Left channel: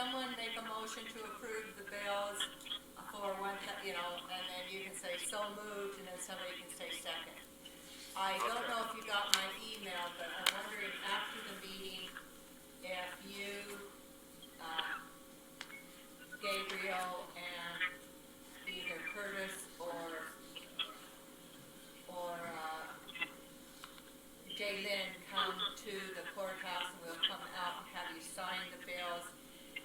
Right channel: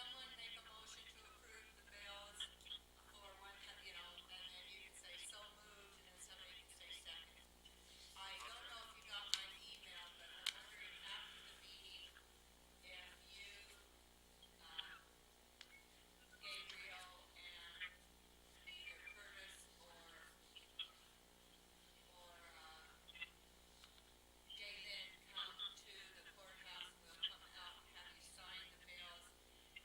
someone make a motion to approve the bills for one, and then you can say so moved, and then somebody can say second. I don't know if you got my email, but I'm wondering after the meeting if you, Gabriel, and either Curtis or Jay-Lynn come to the courthouse, and we'll come out and have you sign the bills,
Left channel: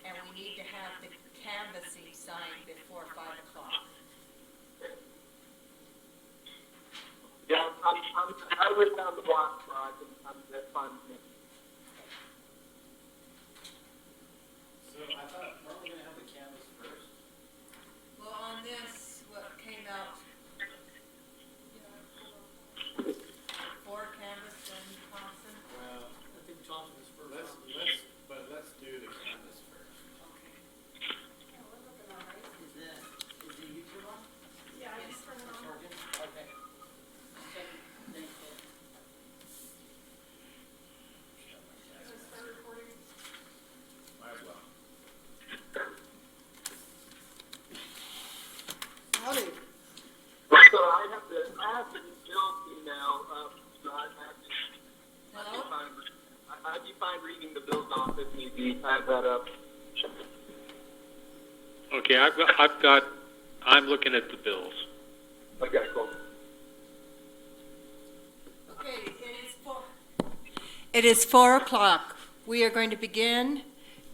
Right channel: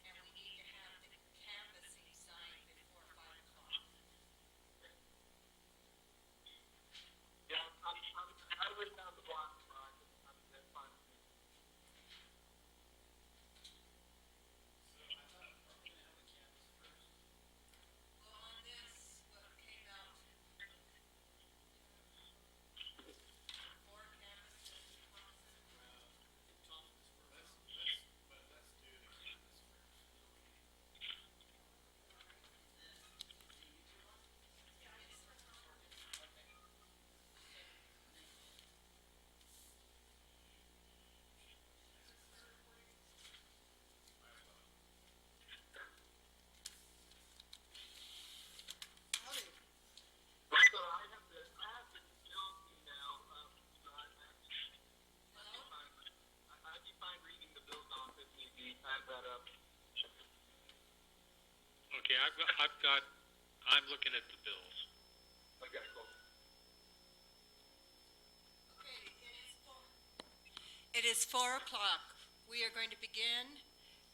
and we need to have the canvassing signed before 5 o'clock. Yeah, I live down the block, so that's fine with me. So I thought, weren't we gonna have the canvas first? Well, on this, what came out, 4 canvas and Thompson? Well, I think Thompson was first. Let's do the canvas first. Is the YouTube on? Yeah, I just turned it on. Sorry, okay. Is it start recording? Might as well. Howdy. So I have the Bill's email, so Hello? I'd be fine reading the bills off if need be. I have that up. Okay, I'm looking at the bills. Okay, cool. Okay, it is 4 o'clock. We are going to begin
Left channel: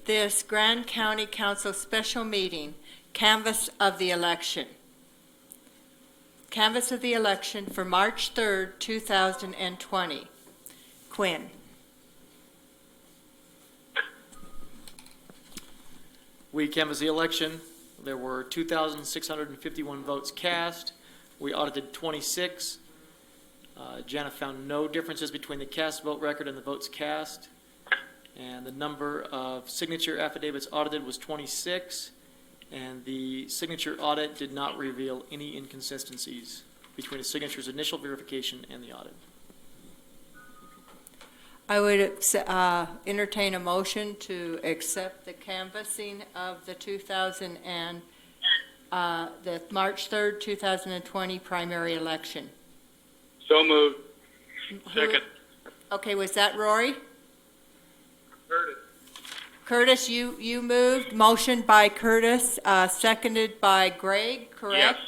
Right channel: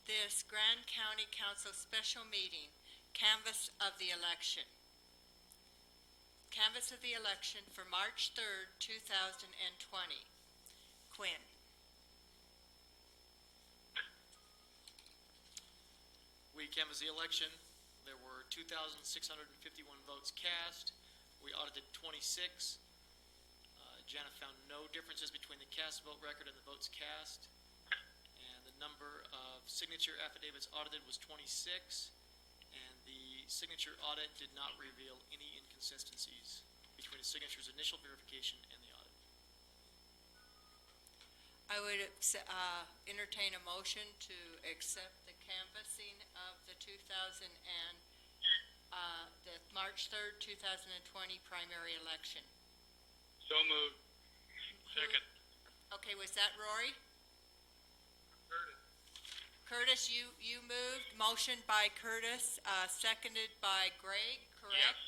this Grand County Council special meeting, canvass of the election. Canvass of the election for March 3rd, 2020. Quinn. We canvassed the election. There were 2,651 votes cast. We audited 26. Jana found no differences between the cast vote record and the votes cast. And the number of signature affidavits audited was 26. And the signature audit did not reveal any inconsistencies between the signature's initial verification and the audit. I would entertain a motion to accept the canvassing of the the March 3rd, 2020 primary election. So moved. Who- Second. Okay, was that Rory? Curtis. Curtis, you moved. Motion by Curtis, seconded by Greg, correct?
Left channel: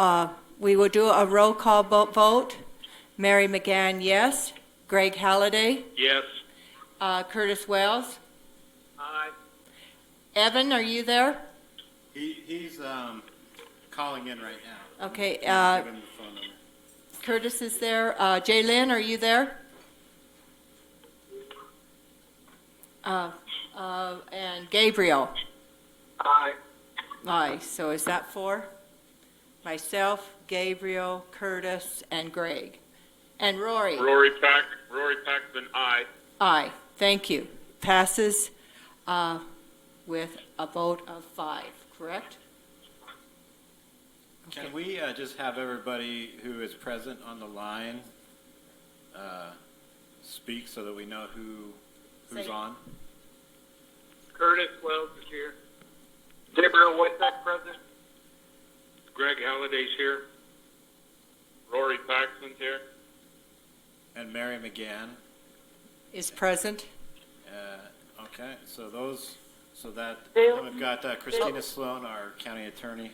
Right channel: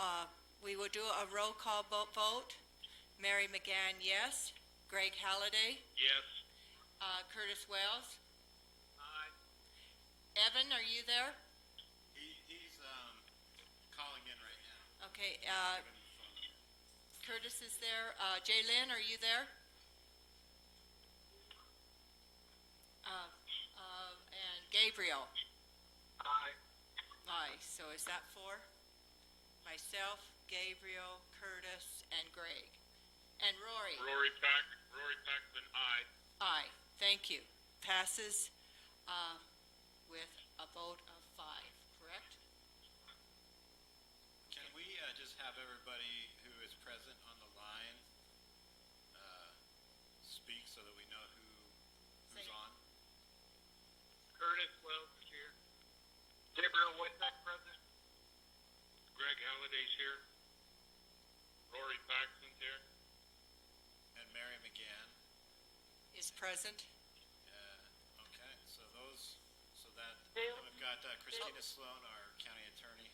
Yes. We will do a roll call vote. Mary McGann, yes. Greg Halliday. Yes. Curtis Wells. Aye. Evan, are you there? He's calling in right now. Okay, Give him the phone number. Curtis is there. Jay-Lynn, are you there? And Gabriel. Aye. Aye, so is that 4? Myself, Gabriel, Curtis, and Greg. And Rory. Rory Paxton, aye. Aye, thank you. Passes with a vote of 5, correct? Can we just have everybody who is present on the line speak so that we know who's Say- on? Curtis Wells is here. Gabriel Whitesack present. Greg Halliday's here. Rory Paxton's here. And Mary McGann. Is present? Okay, so we've got Christina Sloan, our county attorney.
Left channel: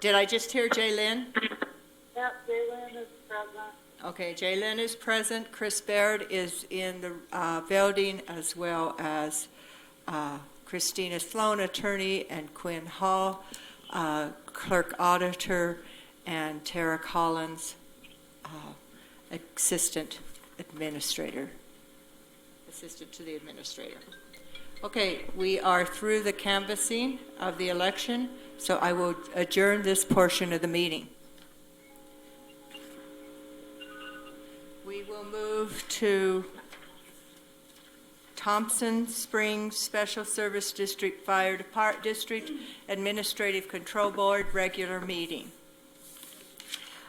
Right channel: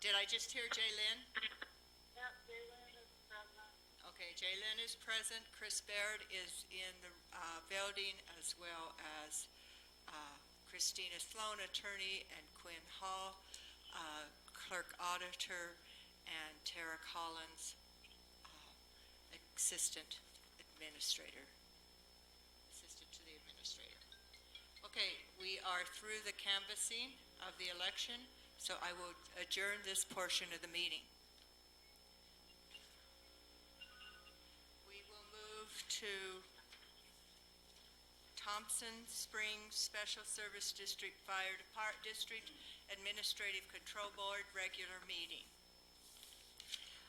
Did I just hear Jay-Lynn? Yep, Jay-Lynn is present. Okay, Jay-Lynn is present. Chris Baird is in the building, as well as Christina Sloan, attorney, and Quinn Hall, clerk auditor, and Tara Collins, assistant to the administrator. Okay, we are through the canvassing of the election, so I will adjourn this portion of the meeting. We will move to Thompson Springs Special Service District Fire District Administrative Control Board regular meeting.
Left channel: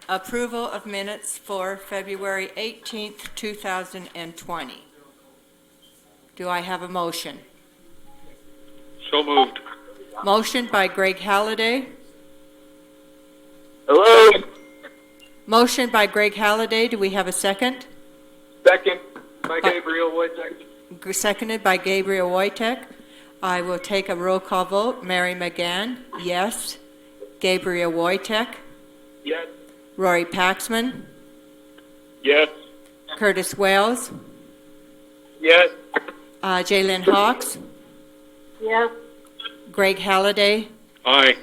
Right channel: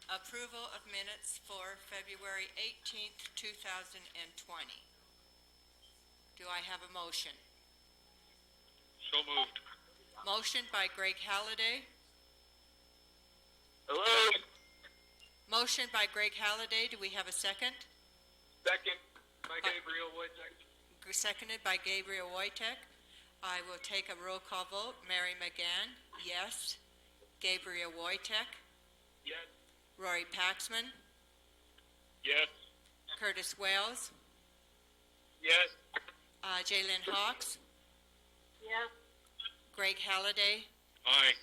Approval of minutes for February 18th, 2020. Do I have a motion? So moved. Motion by Greg Halliday. Hello? Motion by Greg Halliday. Do we have a second? Second by Gabriel Wojtek. Seconded by Gabriel Wojtek. I will take a roll call vote. Mary McGann, yes. Gabriel Wojtek. Yes. Rory Paxman. Yes. Curtis Wells. Yes. Jalen Hawks. Yes, Greg Halliday. Aye.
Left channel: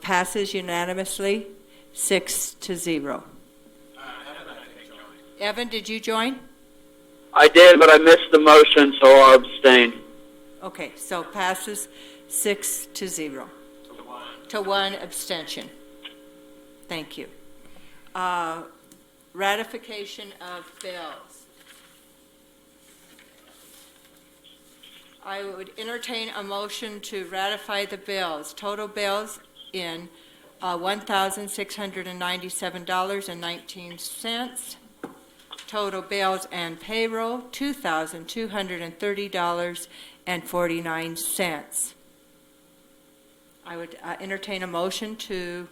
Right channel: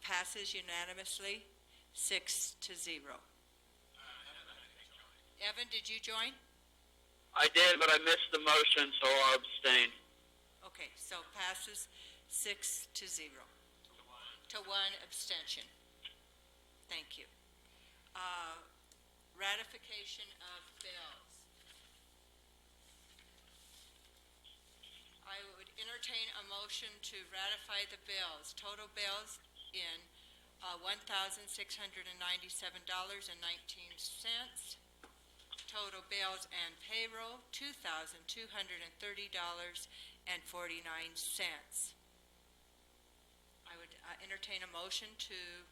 Passes unanimously, 6-0. Evan, did you join? I did, but I missed the motion, so I'll abstain. Okay, so passes 6-0. To one abstention. Thank you. Ratification of bills. I would entertain a motion to ratify the bills. Total bills in $1,697.19. Total bills and payroll, $2,230.49. I would entertain a motion to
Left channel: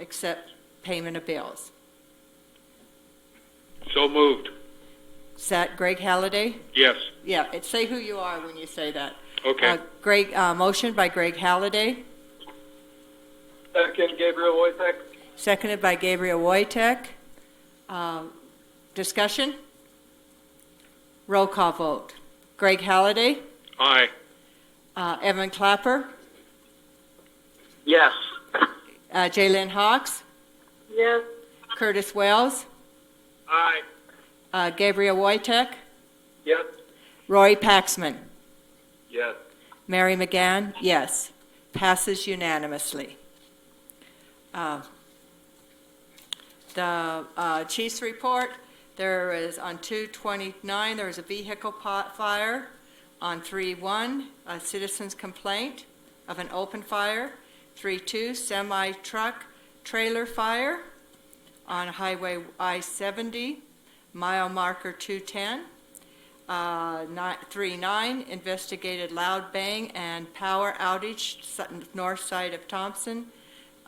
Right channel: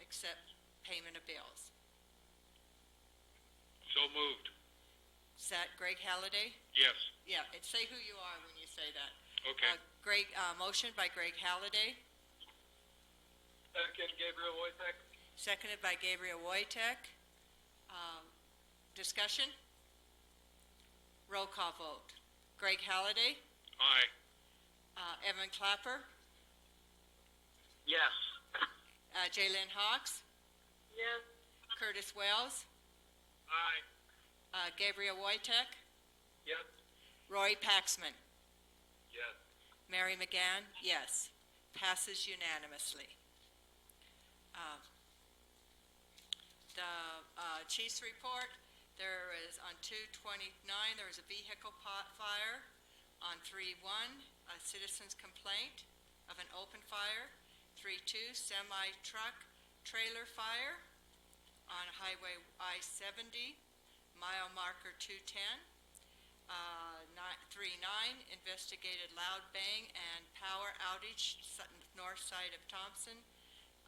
accept payment of bills. So moved. Is that Greg Halliday? Yes. Yeah, say who you are when you say that. Okay. Motion by Greg Halliday, Second, Gabriel Wojtek. seconded by Gabriel Wojtek. Discussion? Roll call vote. Greg Halliday, Aye. Evan Clapper, Yes. Jalen Hawks, yes, Curtis Wells, Aye. Gabriel Wojtek, Yes. Rory Paxman, Yes. Mary McGann, yes. Passes unanimously. The chief's report, there is on 2/29, there was a vehicle fire. On 3/1, a citizen's complaint of an open fire. 3/2, semi-truck trailer fire on Highway I-70, mile marker 210. 3/9, investigated loud bang and power outage, north side of Thompson.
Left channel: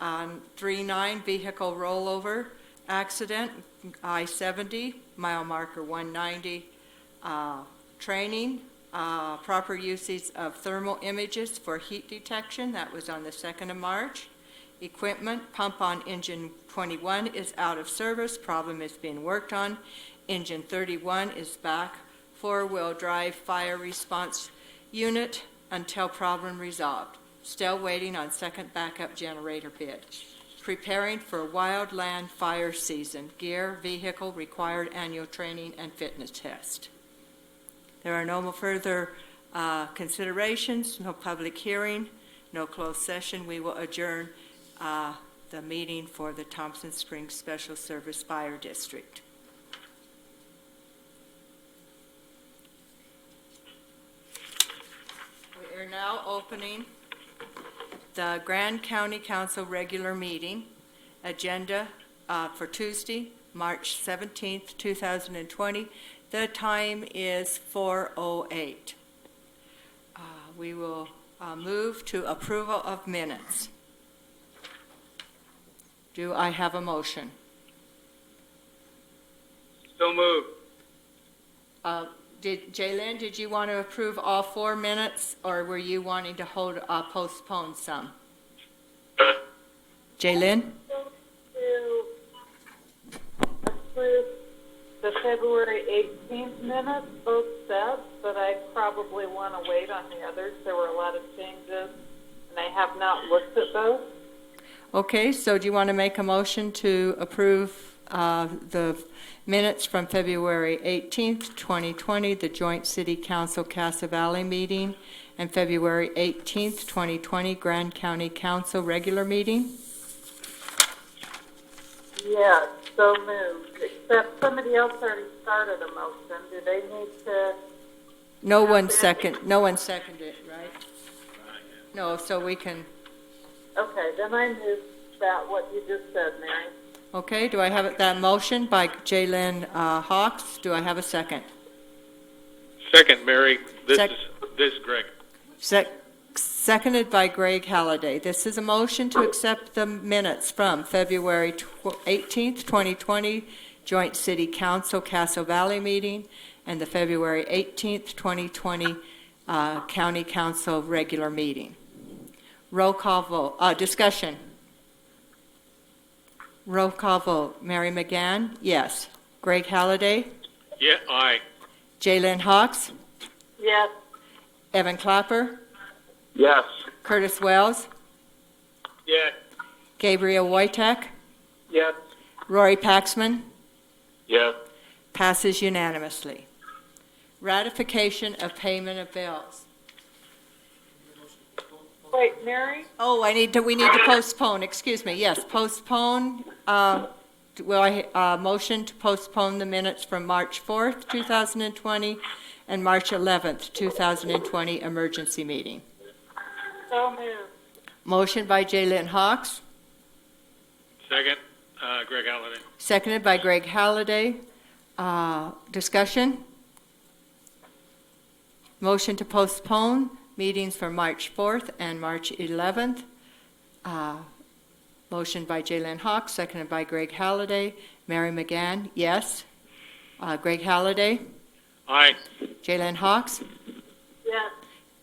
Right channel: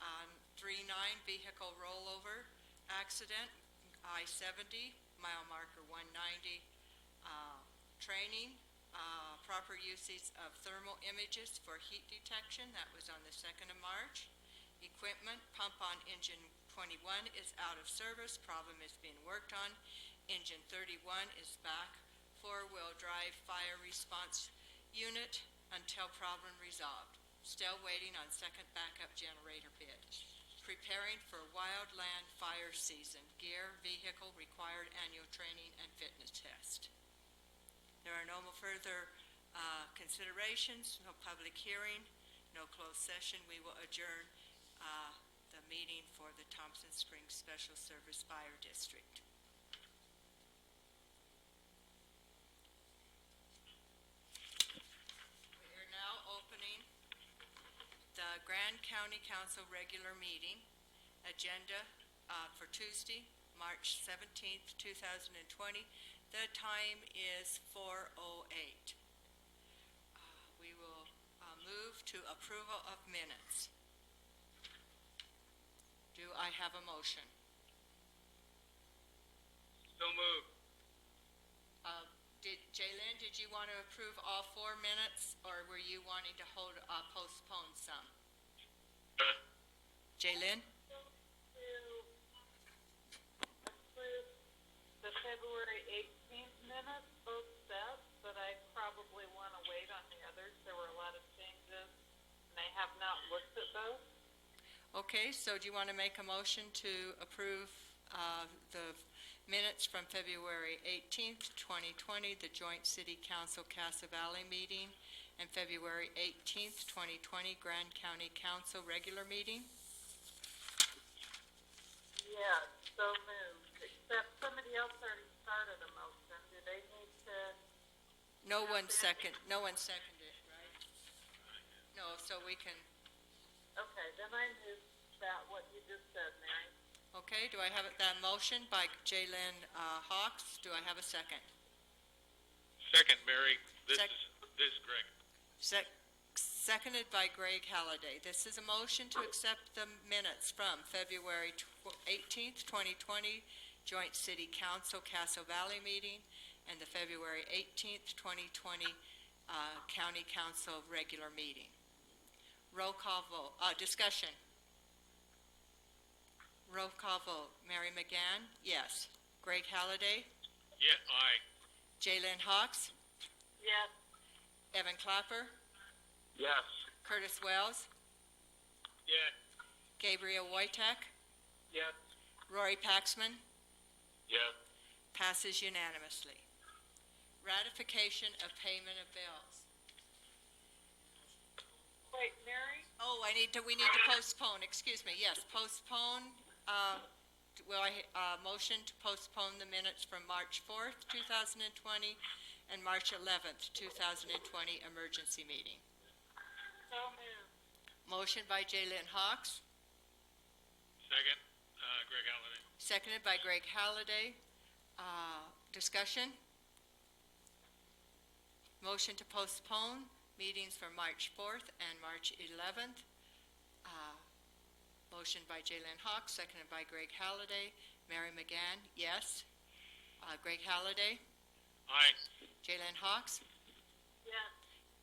3/9, vehicle rollover accident, I-70, mile marker 190. Training, proper usage of thermal images for heat detection, that was on the 2nd of March. Equipment, pump on engine 21 is out of service, problem is being worked on. Engine 31 is back. 4-wheel drive fire response unit until problem resolved. Still waiting on second backup generator bid. Preparing for wildland fire season. Gear, vehicle, required annual training and fitness test. There are no further considerations, no public hearing, no closed session. We will adjourn the meeting for the Thompson Springs Special Service Fire District. We are now opening the Grand County Council regular meeting agenda for Tuesday, March 17th, 2020. The time is 4:08. We will move to approval of minutes. Do I have a motion? So moved. Jalen, did you want to approve all 4 minutes, or were you wanting to postpone some? Jalen? to approve the February 18th minutes, both sets, but I probably want to wait on the others. There were a lot of changes, and I have not looked at those. Okay, so do you want to make a motion to approve the minutes from February 18th, 2020, the Joint City Council Casa Valley meeting, and February 18th, 2020, Grand County Council regular meeting? Yes, so moved, except somebody else already started a motion. Do they need to? No one seconded it, right? No, so we can, Okay, then I move that, what you just said, Mary. okay, do I have that motion by Jalen Hawks? Do I have a second? Second, Mary. This Sec- is This is Greg. Seconded by Greg Halliday. This is a motion to accept the minutes from February 18th, 2020, Joint City Council Castle Valley meeting, and the February 18th, 2020, County Council regular meeting. Roll call vote, discussion. Roll call vote. Mary McGann, yes. Greg Halliday, Yeah, aye. Jaylen Hawks, Yes. Evan Clapper, Yes. Curtis Wells, Yes. Gabriel Wojtek, Yes. Rory Paxman, Yes. passes unanimously. Ratification of payment of bills. Wait, Mary? Oh, we need to postpone, excuse me, yes, postpone, motion to postpone the minutes from March 4th, 2020, and March 11th, 2020 emergency meeting. So moved. Motion by Jaylen Hawks, Second, Greg Halliday. seconded by Greg Halliday. Discussion? Motion to postpone meetings for March 4th and March 11th. Motion by Jaylen Hawks, seconded by Greg Halliday. Mary McGann, yes. Greg Halliday, Aye. Jaylen Hawks, Yes.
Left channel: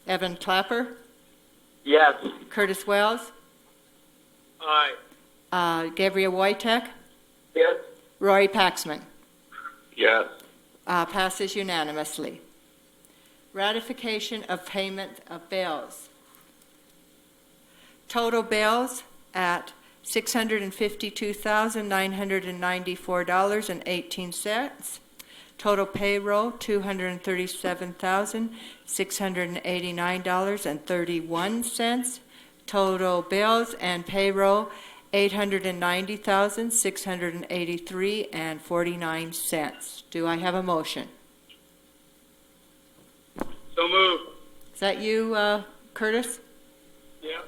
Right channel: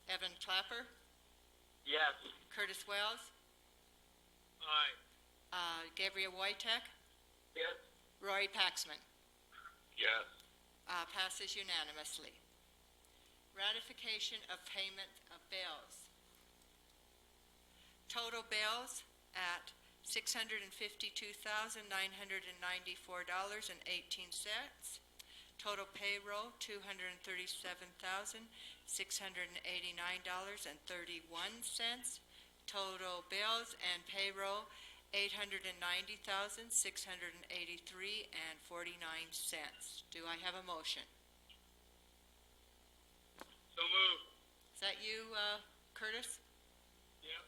Evan Clapper, Yes. Curtis Wells, Aye. Gabriel Wojtek, Yes. Rory Paxman. Yes. Passes unanimously. Ratification of payment of bills. Total bills at $652,994.18. Total payroll, $237,689.31. Total bills and payroll, $890,683.49. Do I have a motion? So moved. Is that you, Curtis? Yep.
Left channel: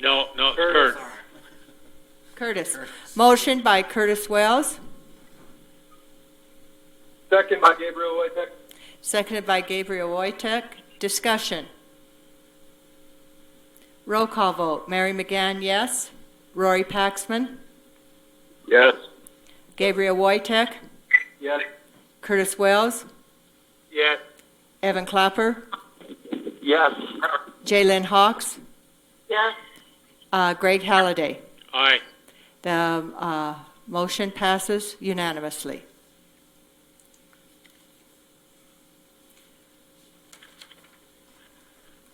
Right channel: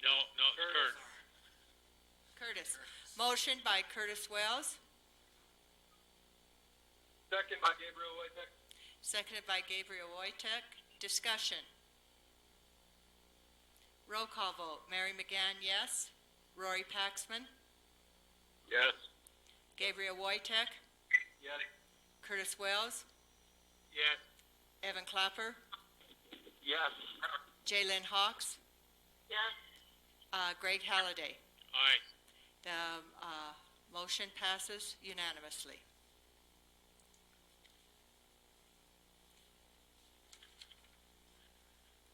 No, Curtis. Kurt. Curtis. Motion by Curtis Wells, Second by Gabriel Wojtek. seconded by Gabriel Wojtek. Discussion. Roll call vote. Mary McGann, yes. Rory Paxman, Yes. Gabriel Wojtek, Yes. Curtis Wells, Yes. Evan Clapper, Yes. Jaylen Hawks, Yes. Greg Halliday. Aye. The motion passes unanimously.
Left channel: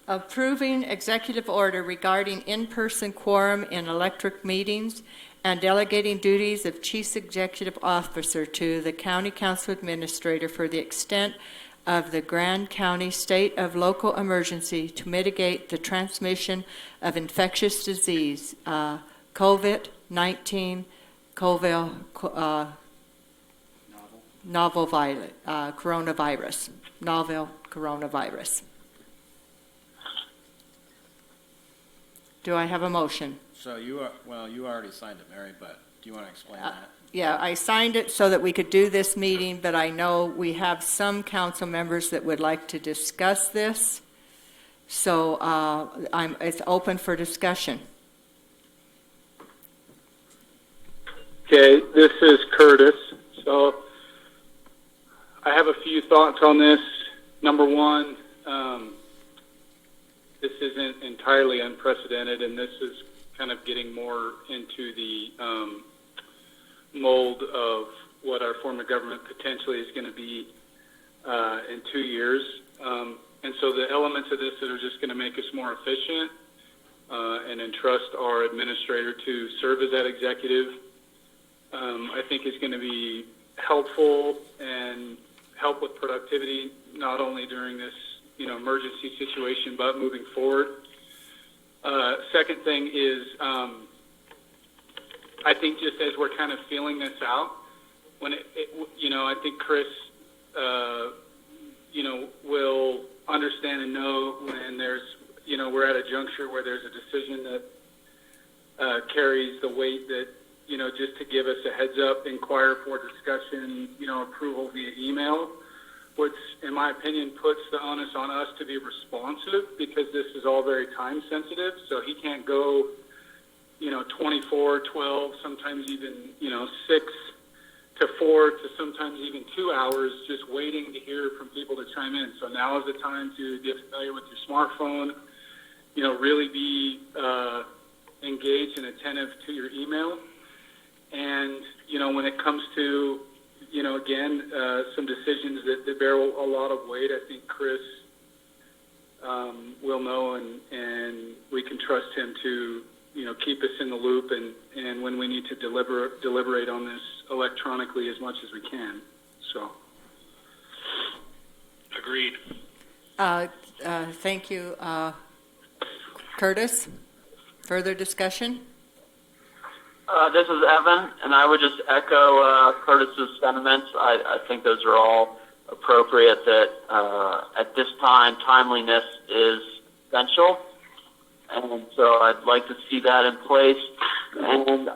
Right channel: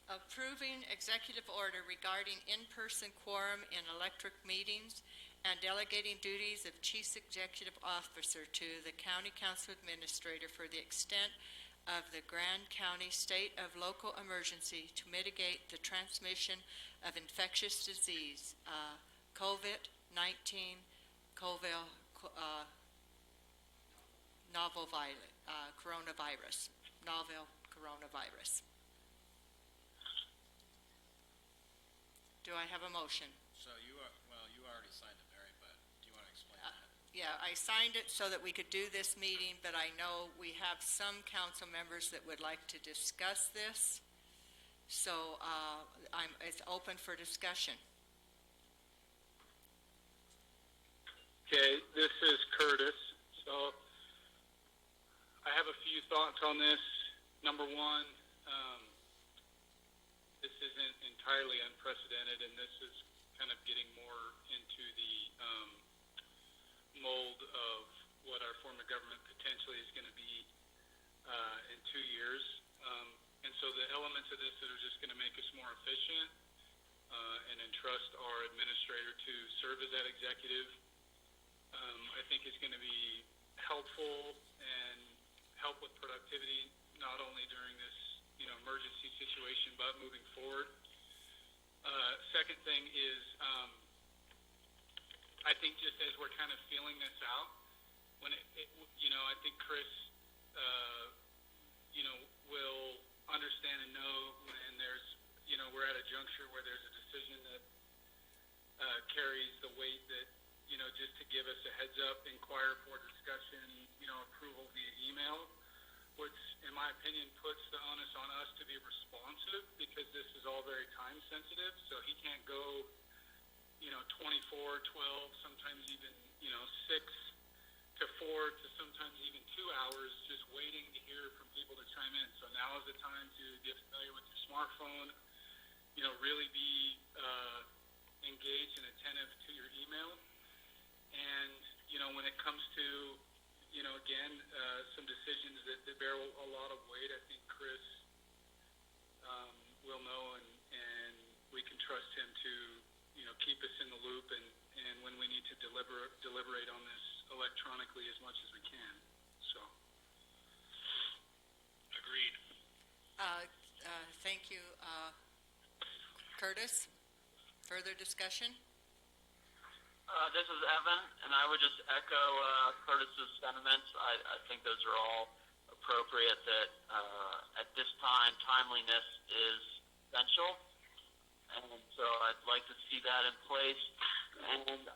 Approving executive order regarding in-person quorum in electric meetings and delegating duties of chief executive officer to the county council administrator for the extent of the Grand County state of local emergency to mitigate the transmission of infectious disease, COVID-19, novel coronavirus, novel coronavirus. Do I have a motion? So you already signed it, Mary, but do you want to explain that? Yeah, I signed it so that we could do this meeting, but I know we have some council members that would like to discuss this. So it's open for discussion. Okay, this is Curtis. So I have a few thoughts on this. Number one, this isn't entirely unprecedented, and this is kind of getting more into the mold of what our form of government potentially is going to be in 2 years. And so the elements of this that are just going to make us more efficient and entrust our administrator to serve as that executive, I think is going to be helpful and help with productivity, not only during this emergency situation, but moving forward. Second thing is, I think just as we're kind of feeling this out, when I think Chris, will understand and know when there's, we're at a juncture where there's a decision that carries the weight that, just to give us a heads up, inquire for discussion, approval via email. What's in my opinion, puts the onus on us to be responsive because this is all very time sensitive. So he can't go, 24, 12, sometimes even, 6 to 4 to sometimes even 2 hours just waiting to hear from people to chime in. So now is the time to get familiar with your smartphone, really be engaged and attentive to your email. And, when it comes to, again, some decisions that bear a lot of weight, I think Chris will know, and we can trust him to, keep us in the loop, and when we need to deliberate on this electronically as much as we can. So. Agreed. Thank you. Curtis, further discussion? This is Evan, and I would just echo Curtis's sentiments. I think those are all appropriate, that at this time, timeliness is essential. And so I'd like to see that in place. And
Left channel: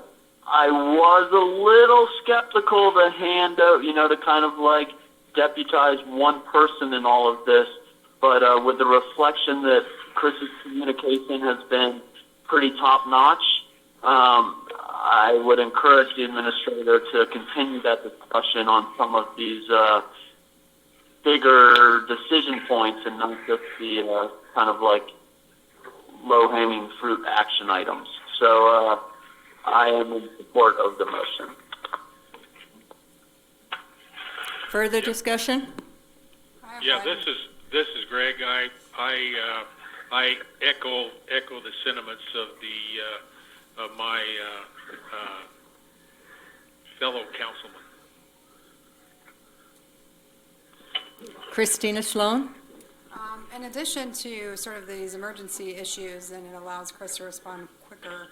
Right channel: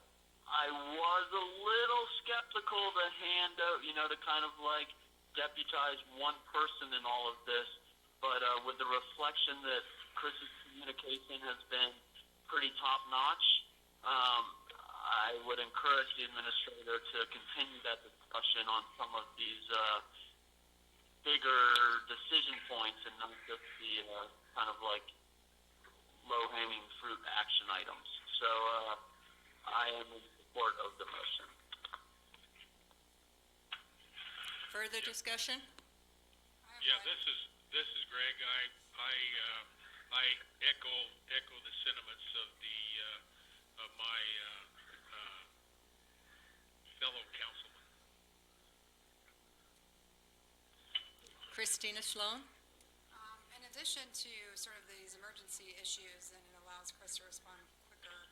I was a little skeptical to hand out, to kind of like deputize one person in all of this. But with the reflection that Chris's communication has been pretty top-notch, I would encourage the administrator to continue that discussion on some of these bigger decision points and not just the kind of like low-hanging fruit action items. So I am in support of the motion. Further discussion? Yeah, this is Greg. I echo the sentiments of my fellow councilman. Christina Sloan? In addition to sort of these emergency issues, and it allows Chris to respond quicker,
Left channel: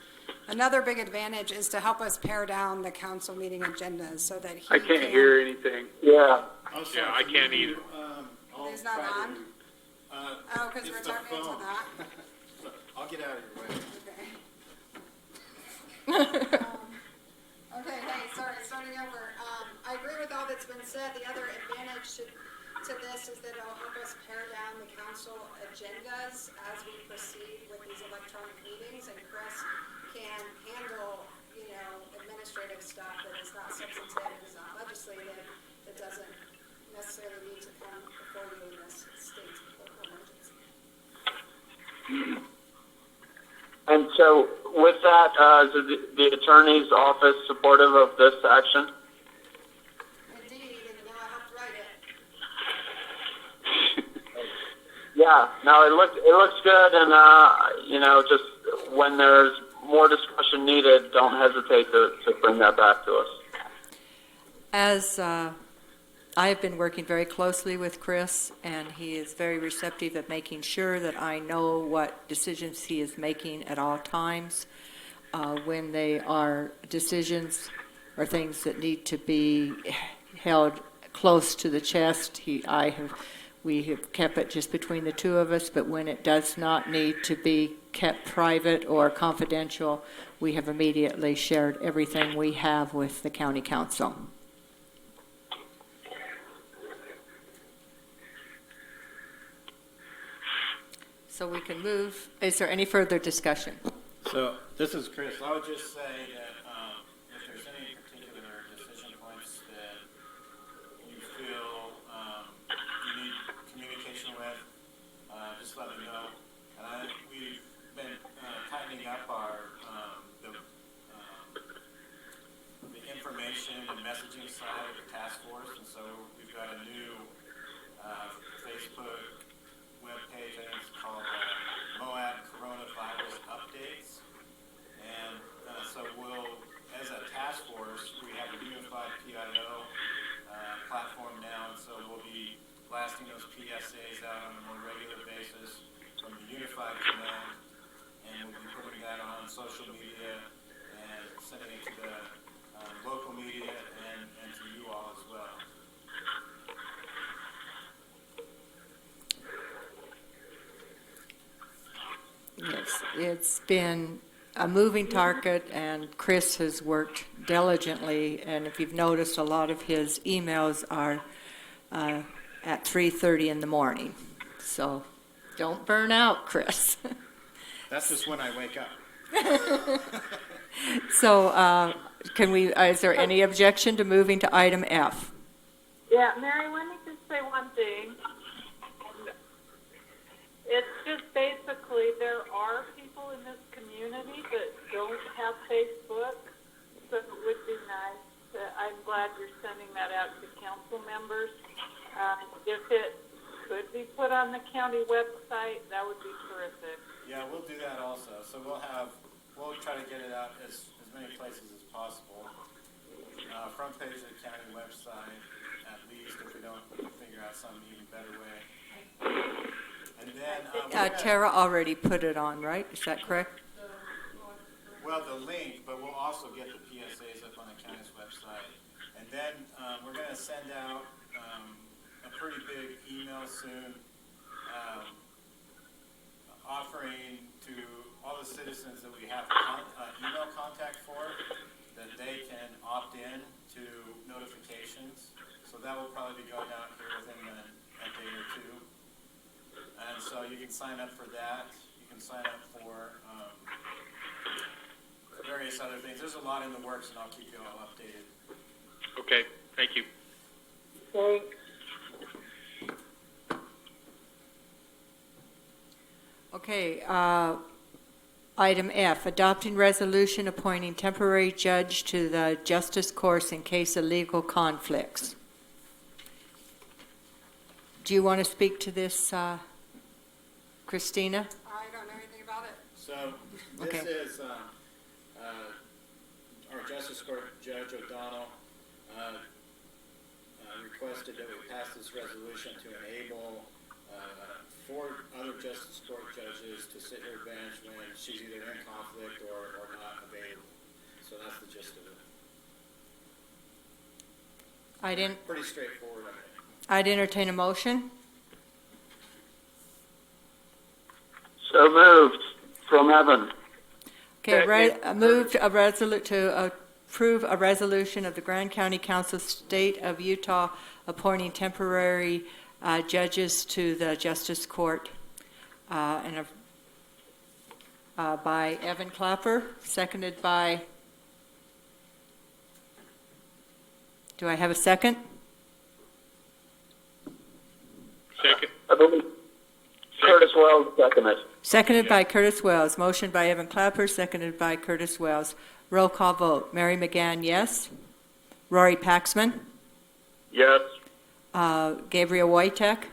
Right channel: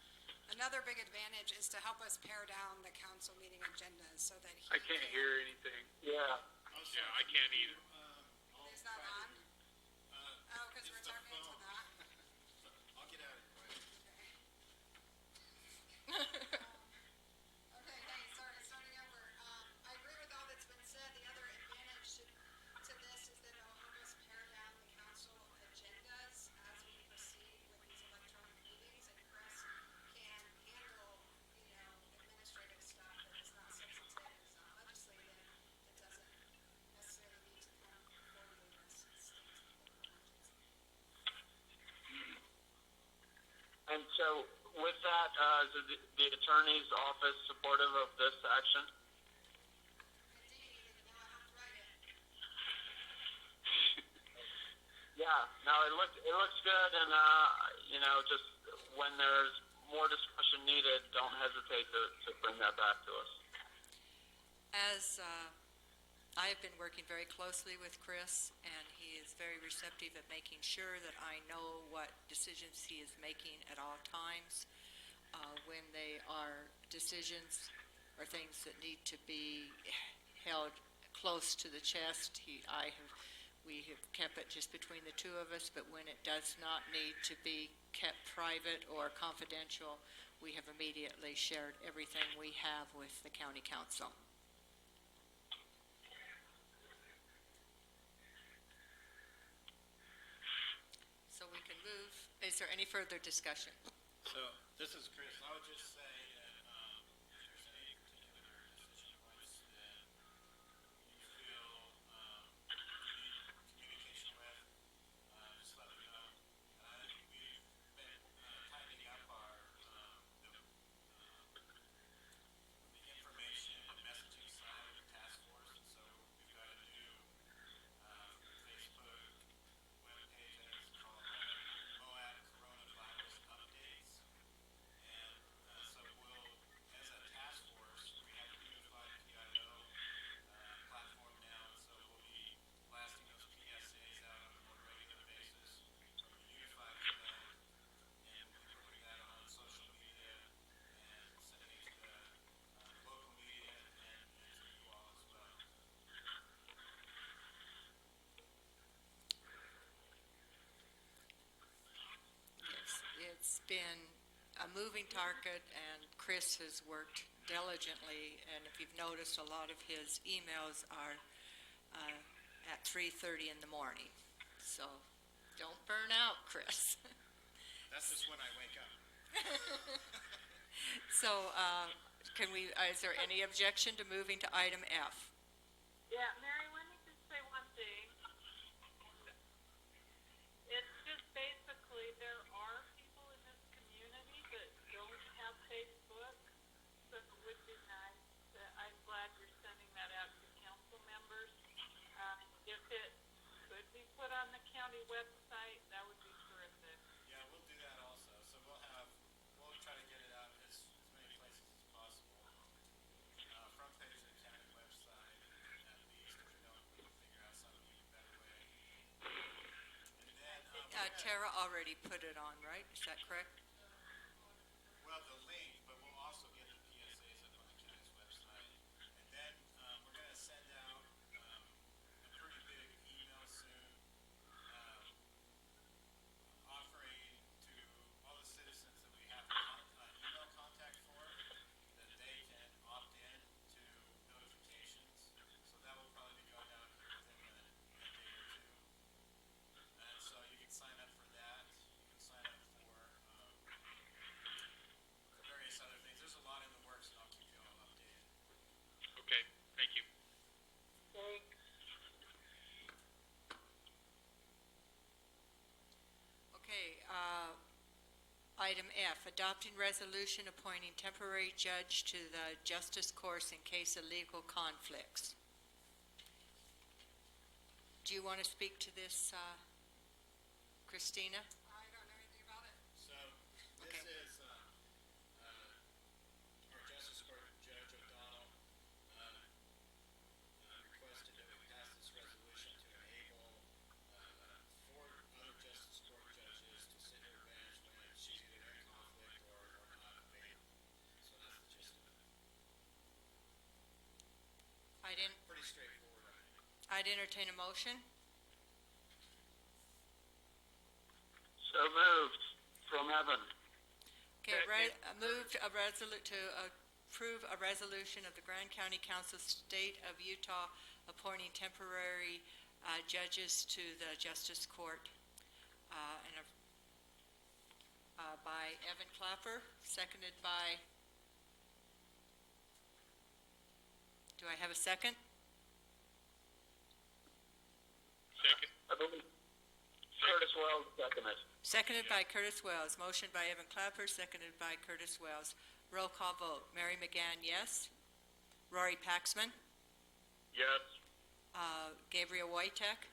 another big advantage is to help us pare down the council meeting agendas so that he I can't hear anything. Yeah. Yeah, I can't either. He's not on? Oh, because we're it's the talking into phone. that? I'll get out of your way. Okay. Okay, hey, sorry, starting over. I agree with all that's been said. The other advantage to this is that it'll help us pare down the council agendas as we proceed with these electronic meetings, and Chris can handle, administrative stuff that is not substantive, is not legislative, that doesn't necessarily need to come before you in this state's political emergency. And so with that, is the attorney's office supportive of this action? Indeed, and now I have to write it. Yeah, no, it looks good, and just when there's more discussion needed, don't hesitate to bring that back to us. As I have been working very closely with Chris, and he is very receptive of making sure that I know what decisions he is making at all times. When they are decisions or things that need to be held close to the chest, we have kept it just between the two of us, but when it does not need to be kept private or confidential, we have immediately shared everything we have with the county council. So we can move. Is there any further discussion? So, this is Chris. I would just say that if there's any particular decision points that you feel you need communication with, just let me know. And we've been tightening up the information and messaging side of the task force, and so we've got a new Facebook webpage, I think it's called Moab Coronavirus Updates. And so as a task force, we have a unified PIO platform now, and so we'll be blasting those PSAs out on a more regular basis from the unified command, and we'll be putting that on social media and sending it to the local media and to you all as well. Yes, it's been a moving target, and Chris has worked diligently, and if you've noticed, a lot of his emails at 3:30 in the morning. So don't burn out, Chris. That's just when I wake up. So is there any objection to moving to item F? Yeah, Mary, let me just say one thing. It's just basically there are people in this community that don't have Facebook, so it would be nice. I'm glad you're sending that out to council members. If it could be put on the county website, that would be terrific. Yeah, we'll do that also. So we'll try to get it out as many places as possible. Front page of the county website, at least, if we don't figure out some even better way. And then, Tara already put it on, right? Is that correct? well, the link, but we'll also get the PSAs up on the county's website. And then, we're gonna send out, a pretty big email soon, offering to all the citizens that we have email contact for, that they can opt in to notifications. So that will probably be going out here within a day or two. And so you can sign up for that. You can sign up for various other things. There's a lot in the works, and I'll keep you all updated. Okay, thank you. Thanks. Okay, item F, adopting resolution appointing temporary judge to the justice course in case of legal conflicts. Do you want to speak to this, Christina? I don't know anything about it. So Okay. this is our Justice Court Judge O'Donnell requested that we pass this resolution to enable 4 other Justice Court judges to sit her bench when she's either in conflict or not available. So that's the gist of it. Pretty straightforward, I think. I'd entertain a motion. So moved from Evan. Okay, moved to approve a resolution of the Grand County Council, State of Utah, appointing temporary judges to the Justice Court, by Evan Clapper, seconded by, do I have a second? Second. I believe Curtis Wells seconded. Seconded by Curtis Wells. Motion by Evan Clapper, seconded by Curtis Wells. Roll call vote. Mary McGann, yes. Rory Paxman. Yes. Gabriel Wojtek.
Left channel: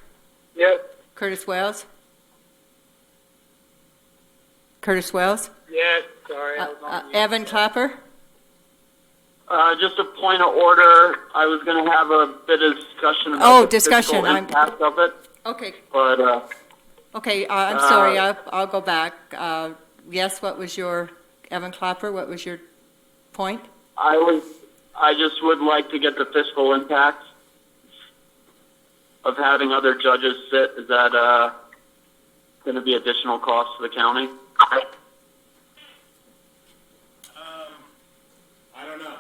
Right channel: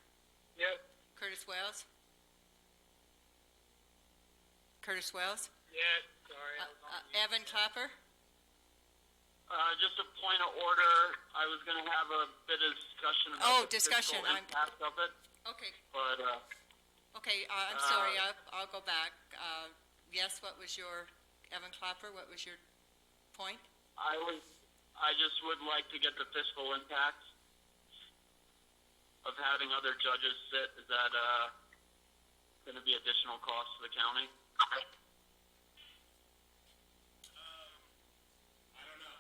Yes. Curtis Wells. Curtis Wells. Yes. Sorry, Evan Clapper. Just a point of order. I was going to have a bit of discussion about Oh, the discussion. fiscal impact of it, Okay. but Okay, I'm sorry. I'll go back. Yes, what was your, Evan Clapper, what was your point? I just would like to get the fiscal impact of having other judges sit. Is that going to be additional cost to the county? I don't know.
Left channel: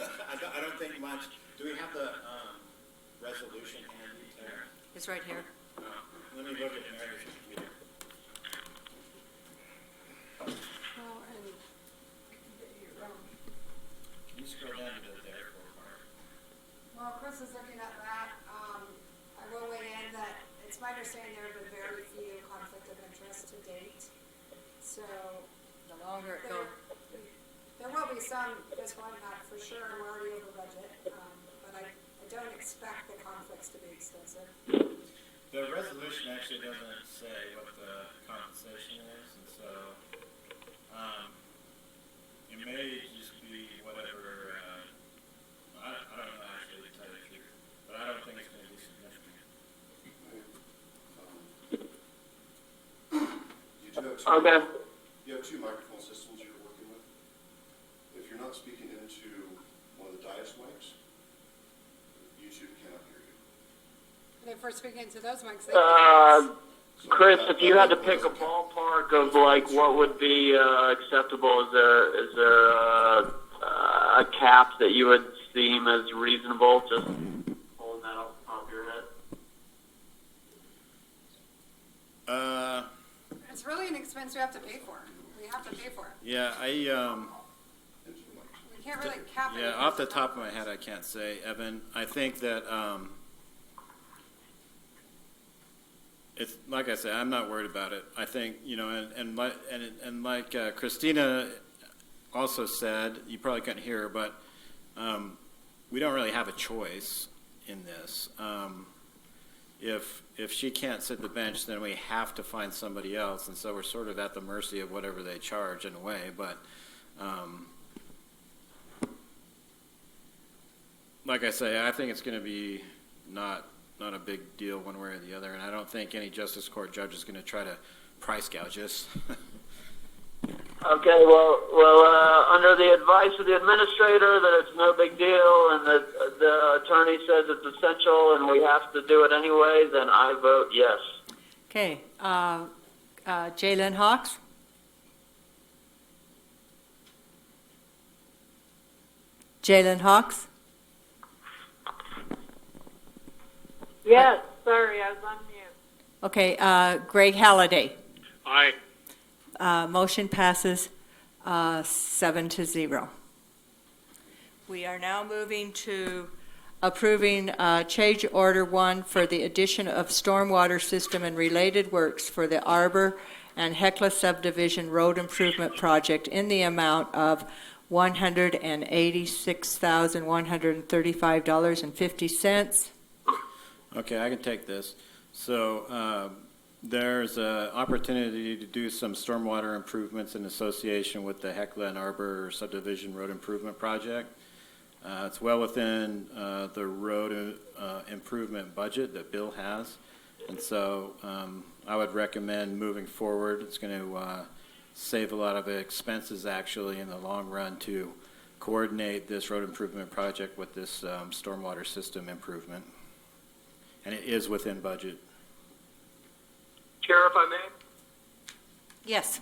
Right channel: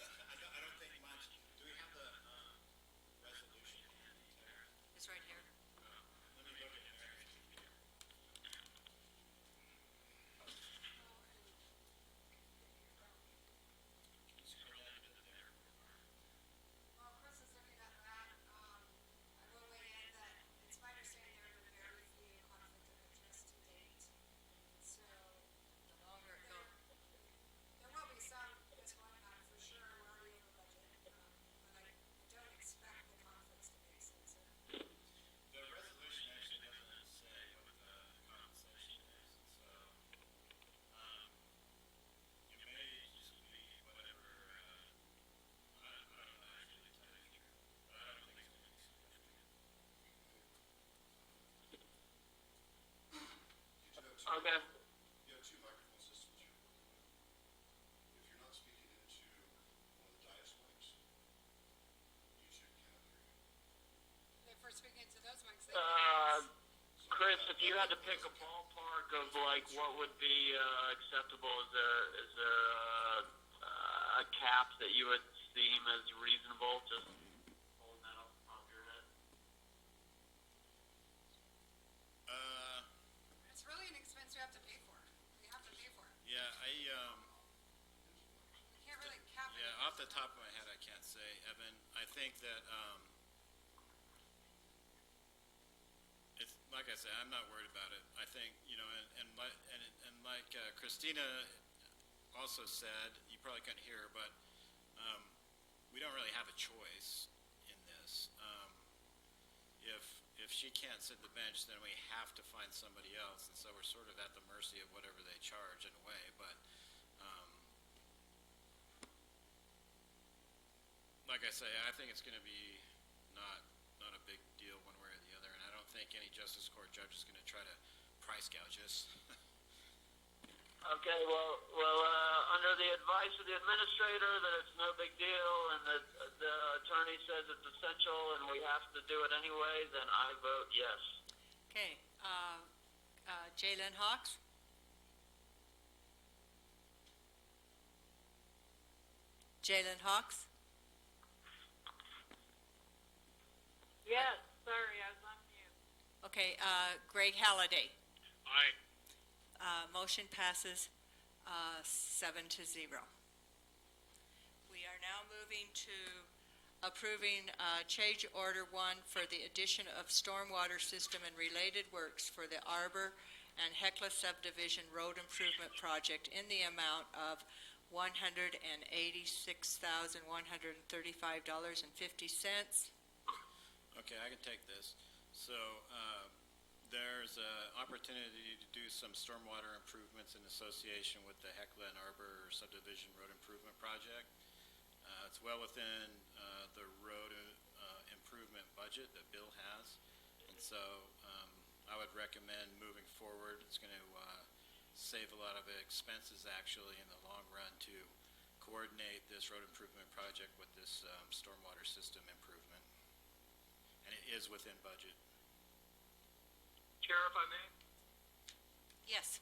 I don't think much. Do we have the resolution handy there? It's right here. Let me look at Mary's computer. Can you scroll down to the therefore part? Well, Chris is looking at that. I will weigh in that it's my understanding there have been very few conflict of interest to date. So The longer it there, goes. there will be some fiscal impact for sure. We're already over budget, but I don't expect the conflicts to be extensive. The resolution actually doesn't say what the compensation is, and so, it may just be whatever, I don't know actually to tell you the truth, but I don't think it's gonna be significant. Okay. You have 2 microphone systems you're working with. If you're not speaking into one of the dais mics, YouTube cannot hear you. And if we're speaking to those mics, Chris, if you had to pick a ballpark of like what would be acceptable, is there a cap that you would deem as reasonable? Just pulling that off the top of your head. It's really an expense we have to pay for. We have to pay for it. Yeah, We can't really cap it. yeah, off the top of my head, I can't say, Evan. I think that, it's, like I said, I'm not worried about it. I think, you know, and like Christina also said, you probably couldn't hear her, but, we don't really have a choice in this. If she can't sit the bench, then we have to find somebody else, and so we're sort of at the mercy of whatever they charge in a way, but, like I say, I think it's going to be not a big deal one way or the other, and I don't think any justice court judge is going to try to price gouge us. Okay, well, under the advice of the administrator that it's no big deal and that the attorney says it's essential and we have to do it anyway, then I vote yes. Okay, Jalen Hawks? Jalen Hawks? Yes, sorry, I was on mute. Okay, Greg Halliday? Aye. Motion passes 7-0. We are now moving to approving change order 1 for the addition of stormwater system and related works for the Arbor and Hecla subdivision road improvement project in the amount of $186,135.50. Okay, I can take this. So there's an opportunity to do some stormwater improvements in association with the Hecla and Arbor subdivision road improvement project. It's well within the road improvement budget that Bill has, and so I would recommend moving forward. It's going to save a lot of expenses actually in the long run to coordinate this road improvement project with this stormwater system improvement. And it is within budget. Chair, if I may? Yes.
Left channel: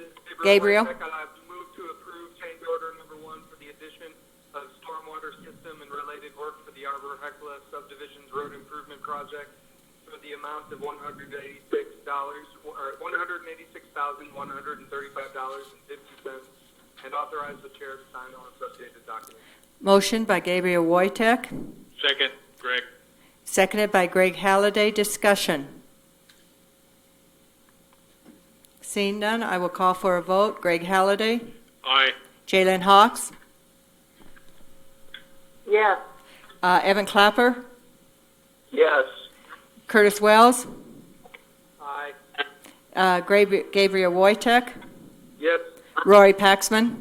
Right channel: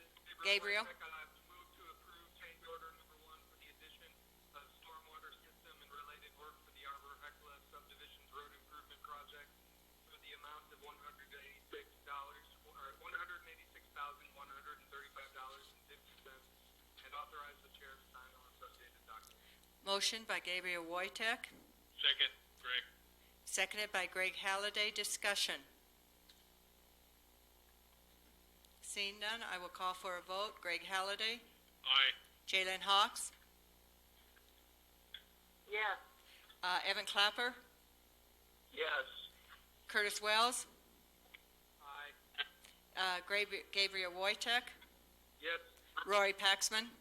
This is Gabriel? Wojtek. I move to approve change order number 1 for the addition of stormwater system and related work for the Arbor Hecla subdivision's road improvement project for the amount of $186,135.50 and authorize the chair to sign all associated documents. Motion by Gabriel Wojtek, Second, Greg. seconded by Greg Halliday. Discussion. Seeing none, I will call for a vote. Greg Halliday? Aye. Jalen Hawks? Yes, Evan Clapper? Yes. Curtis Wells? Aye. Gabriel Wojtek? Yes. Rory Paxman?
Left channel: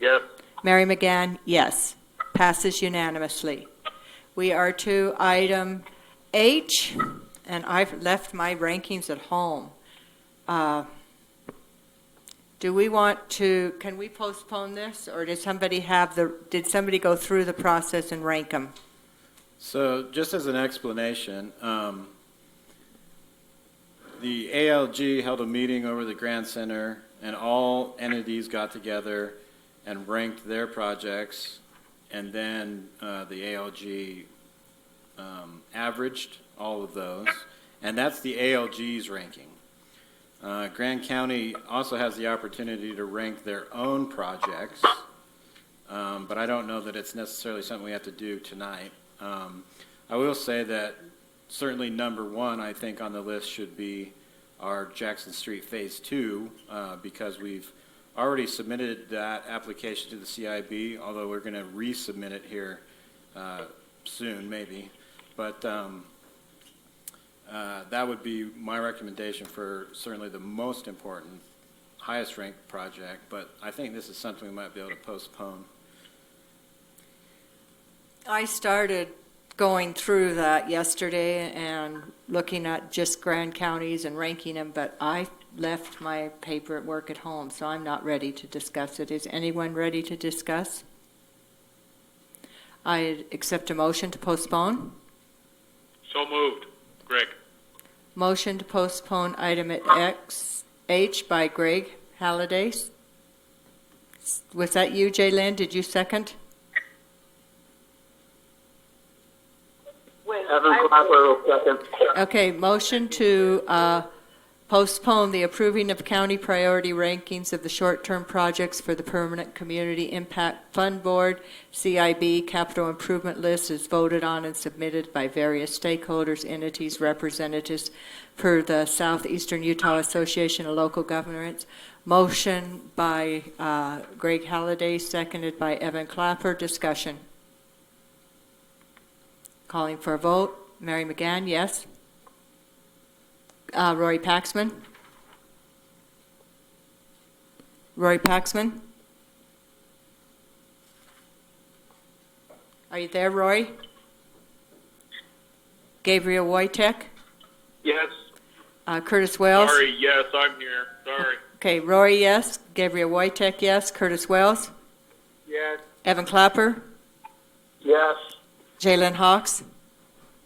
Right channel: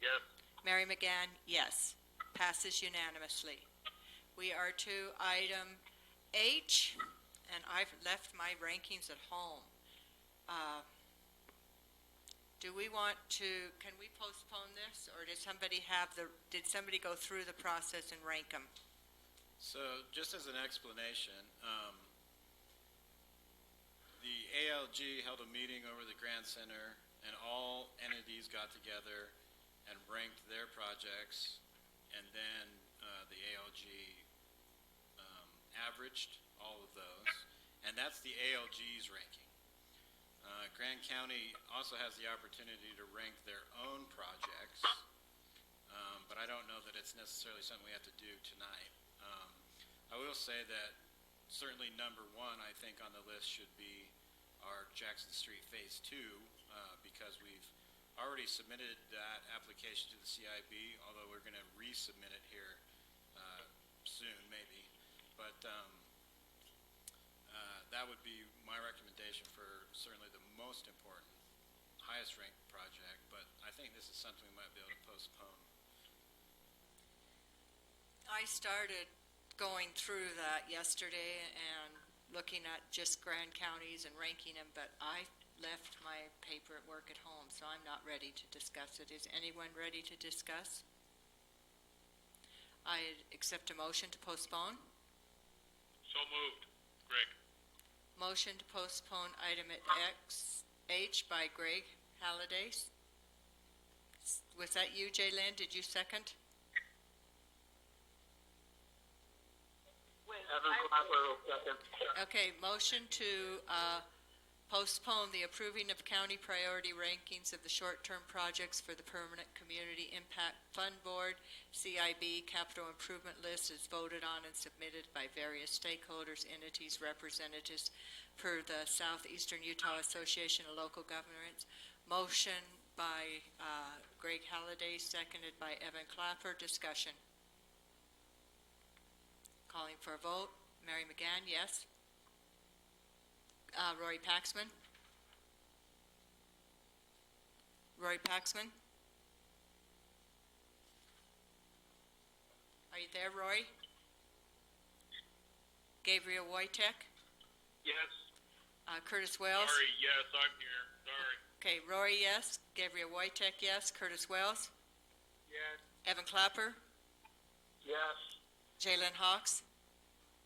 Yes. Mary McGann, yes. Passes unanimously. We are to item H, and I've left my rankings at home. Do we want to, can we postpone this, or did somebody go through the process and rank them? So just as an explanation, the ALG held a meeting over the Grand Center, and all entities got together and ranked their projects, and then the ALG averaged all of those, and that's the ALG's ranking. Grand County also has the opportunity to rank their own projects, but I don't know that it's necessarily something we have to do tonight. I will say that certainly number 1, I think, on the list should be our Jackson Street Phase 2, because we've already submitted that application to the CIB, although we're going to resubmit it here soon, maybe. But that would be my recommendation for certainly the most important, highest ranked project, but I think this is something we might be able to postpone. I started going through that yesterday and looking at just Grand Counties and ranking them, but I left my paper at work at home, so I'm not ready to discuss it. Is anyone ready to discuss? I accept a motion to postpone. So moved. Greg. Motion to postpone item at H by Greg Halliday. Was that you, Jalen? Did you second? wait, Evan Clapper will second. Okay, motion to Postpone the approving of county priority rankings of the short-term projects for the Permanent Community Impact Fund Board. CIB capital improvement list is voted on and submitted by various stakeholders, entities, representatives per the Southeastern Utah Association of Local Governments. Motion by Greg Halliday, seconded by Evan Clapper. Discussion. Calling for a vote. Mary McGann, yes. Rory Paxman. Rory Paxman. Are you there, Rory? Gabriel Wojtek. Yes. Curtis Wells. Sorry, yes, I'm here. Sorry. Okay, Rory, yes. Gabriel Wojtek, yes. Curtis Wells. Yes. Evan Clapper. Yes. Jalen Hawks.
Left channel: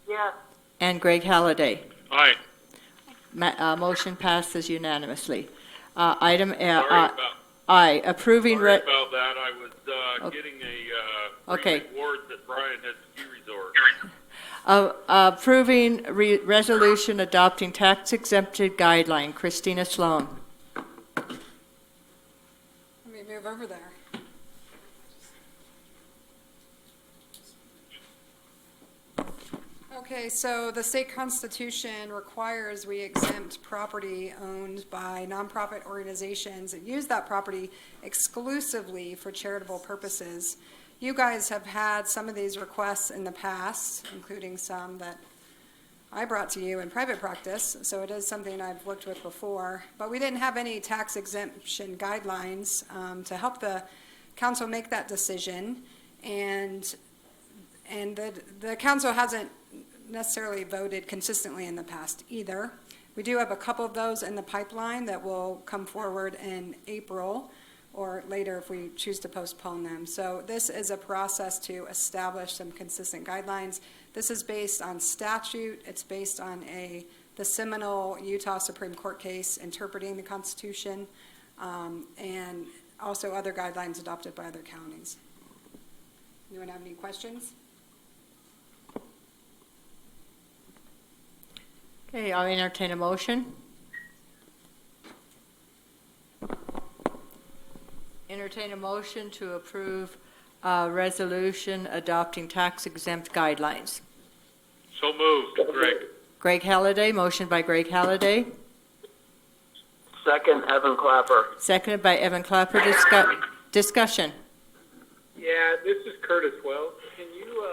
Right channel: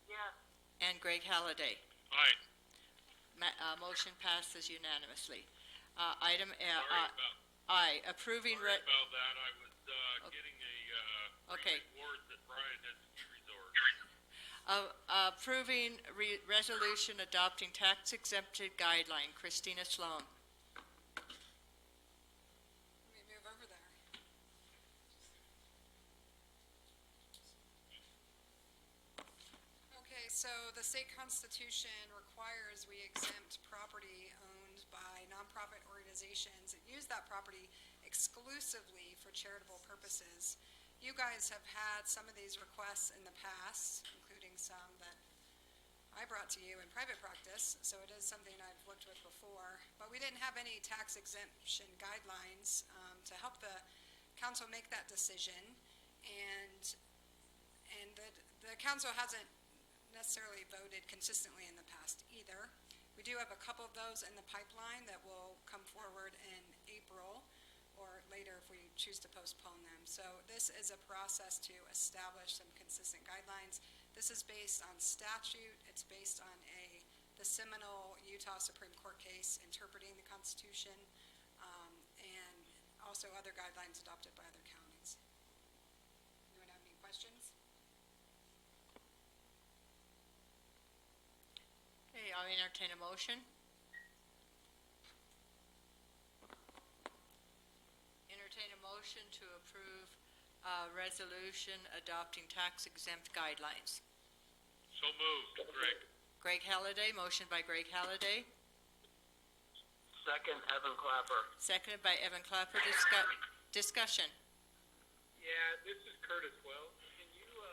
Yes. And Greg Halliday. Hi. Motion passes unanimously. Item Sorry about I, approving. Sorry about that. I was Okay. getting a Okay. reward that Brian had ski resort. Approving resolution adopting tax exempted guideline. Christina Sloan. Let me move over there. Okay, so the state constitution requires we exempt property owned by nonprofit organizations that use that property exclusively for charitable purposes. You guys have had some of these requests in the past, including some that I brought to you in private practice, so it is something I've worked with before. But we didn't have any tax exemption guidelines to help the council make that decision, and the council hasn't necessarily voted consistently in the past either. We do have a couple of those in the pipeline that will come forward in April or later if we choose to postpone them. So this is a process to establish some consistent guidelines. This is based on statute. It's based on the seminal Utah Supreme Court case interpreting the Constitution, and also other guidelines adopted by other counties. Anyone have any questions? Okay, I'll entertain a motion. Entertain a motion to approve resolution adopting tax exempt guidelines. So moved, Greg. Greg Halliday, motion by Greg Halliday, Second, Evan Clapper. seconded by Evan Clapper. Discussion. Yeah, this is Curtis Wells. Can you,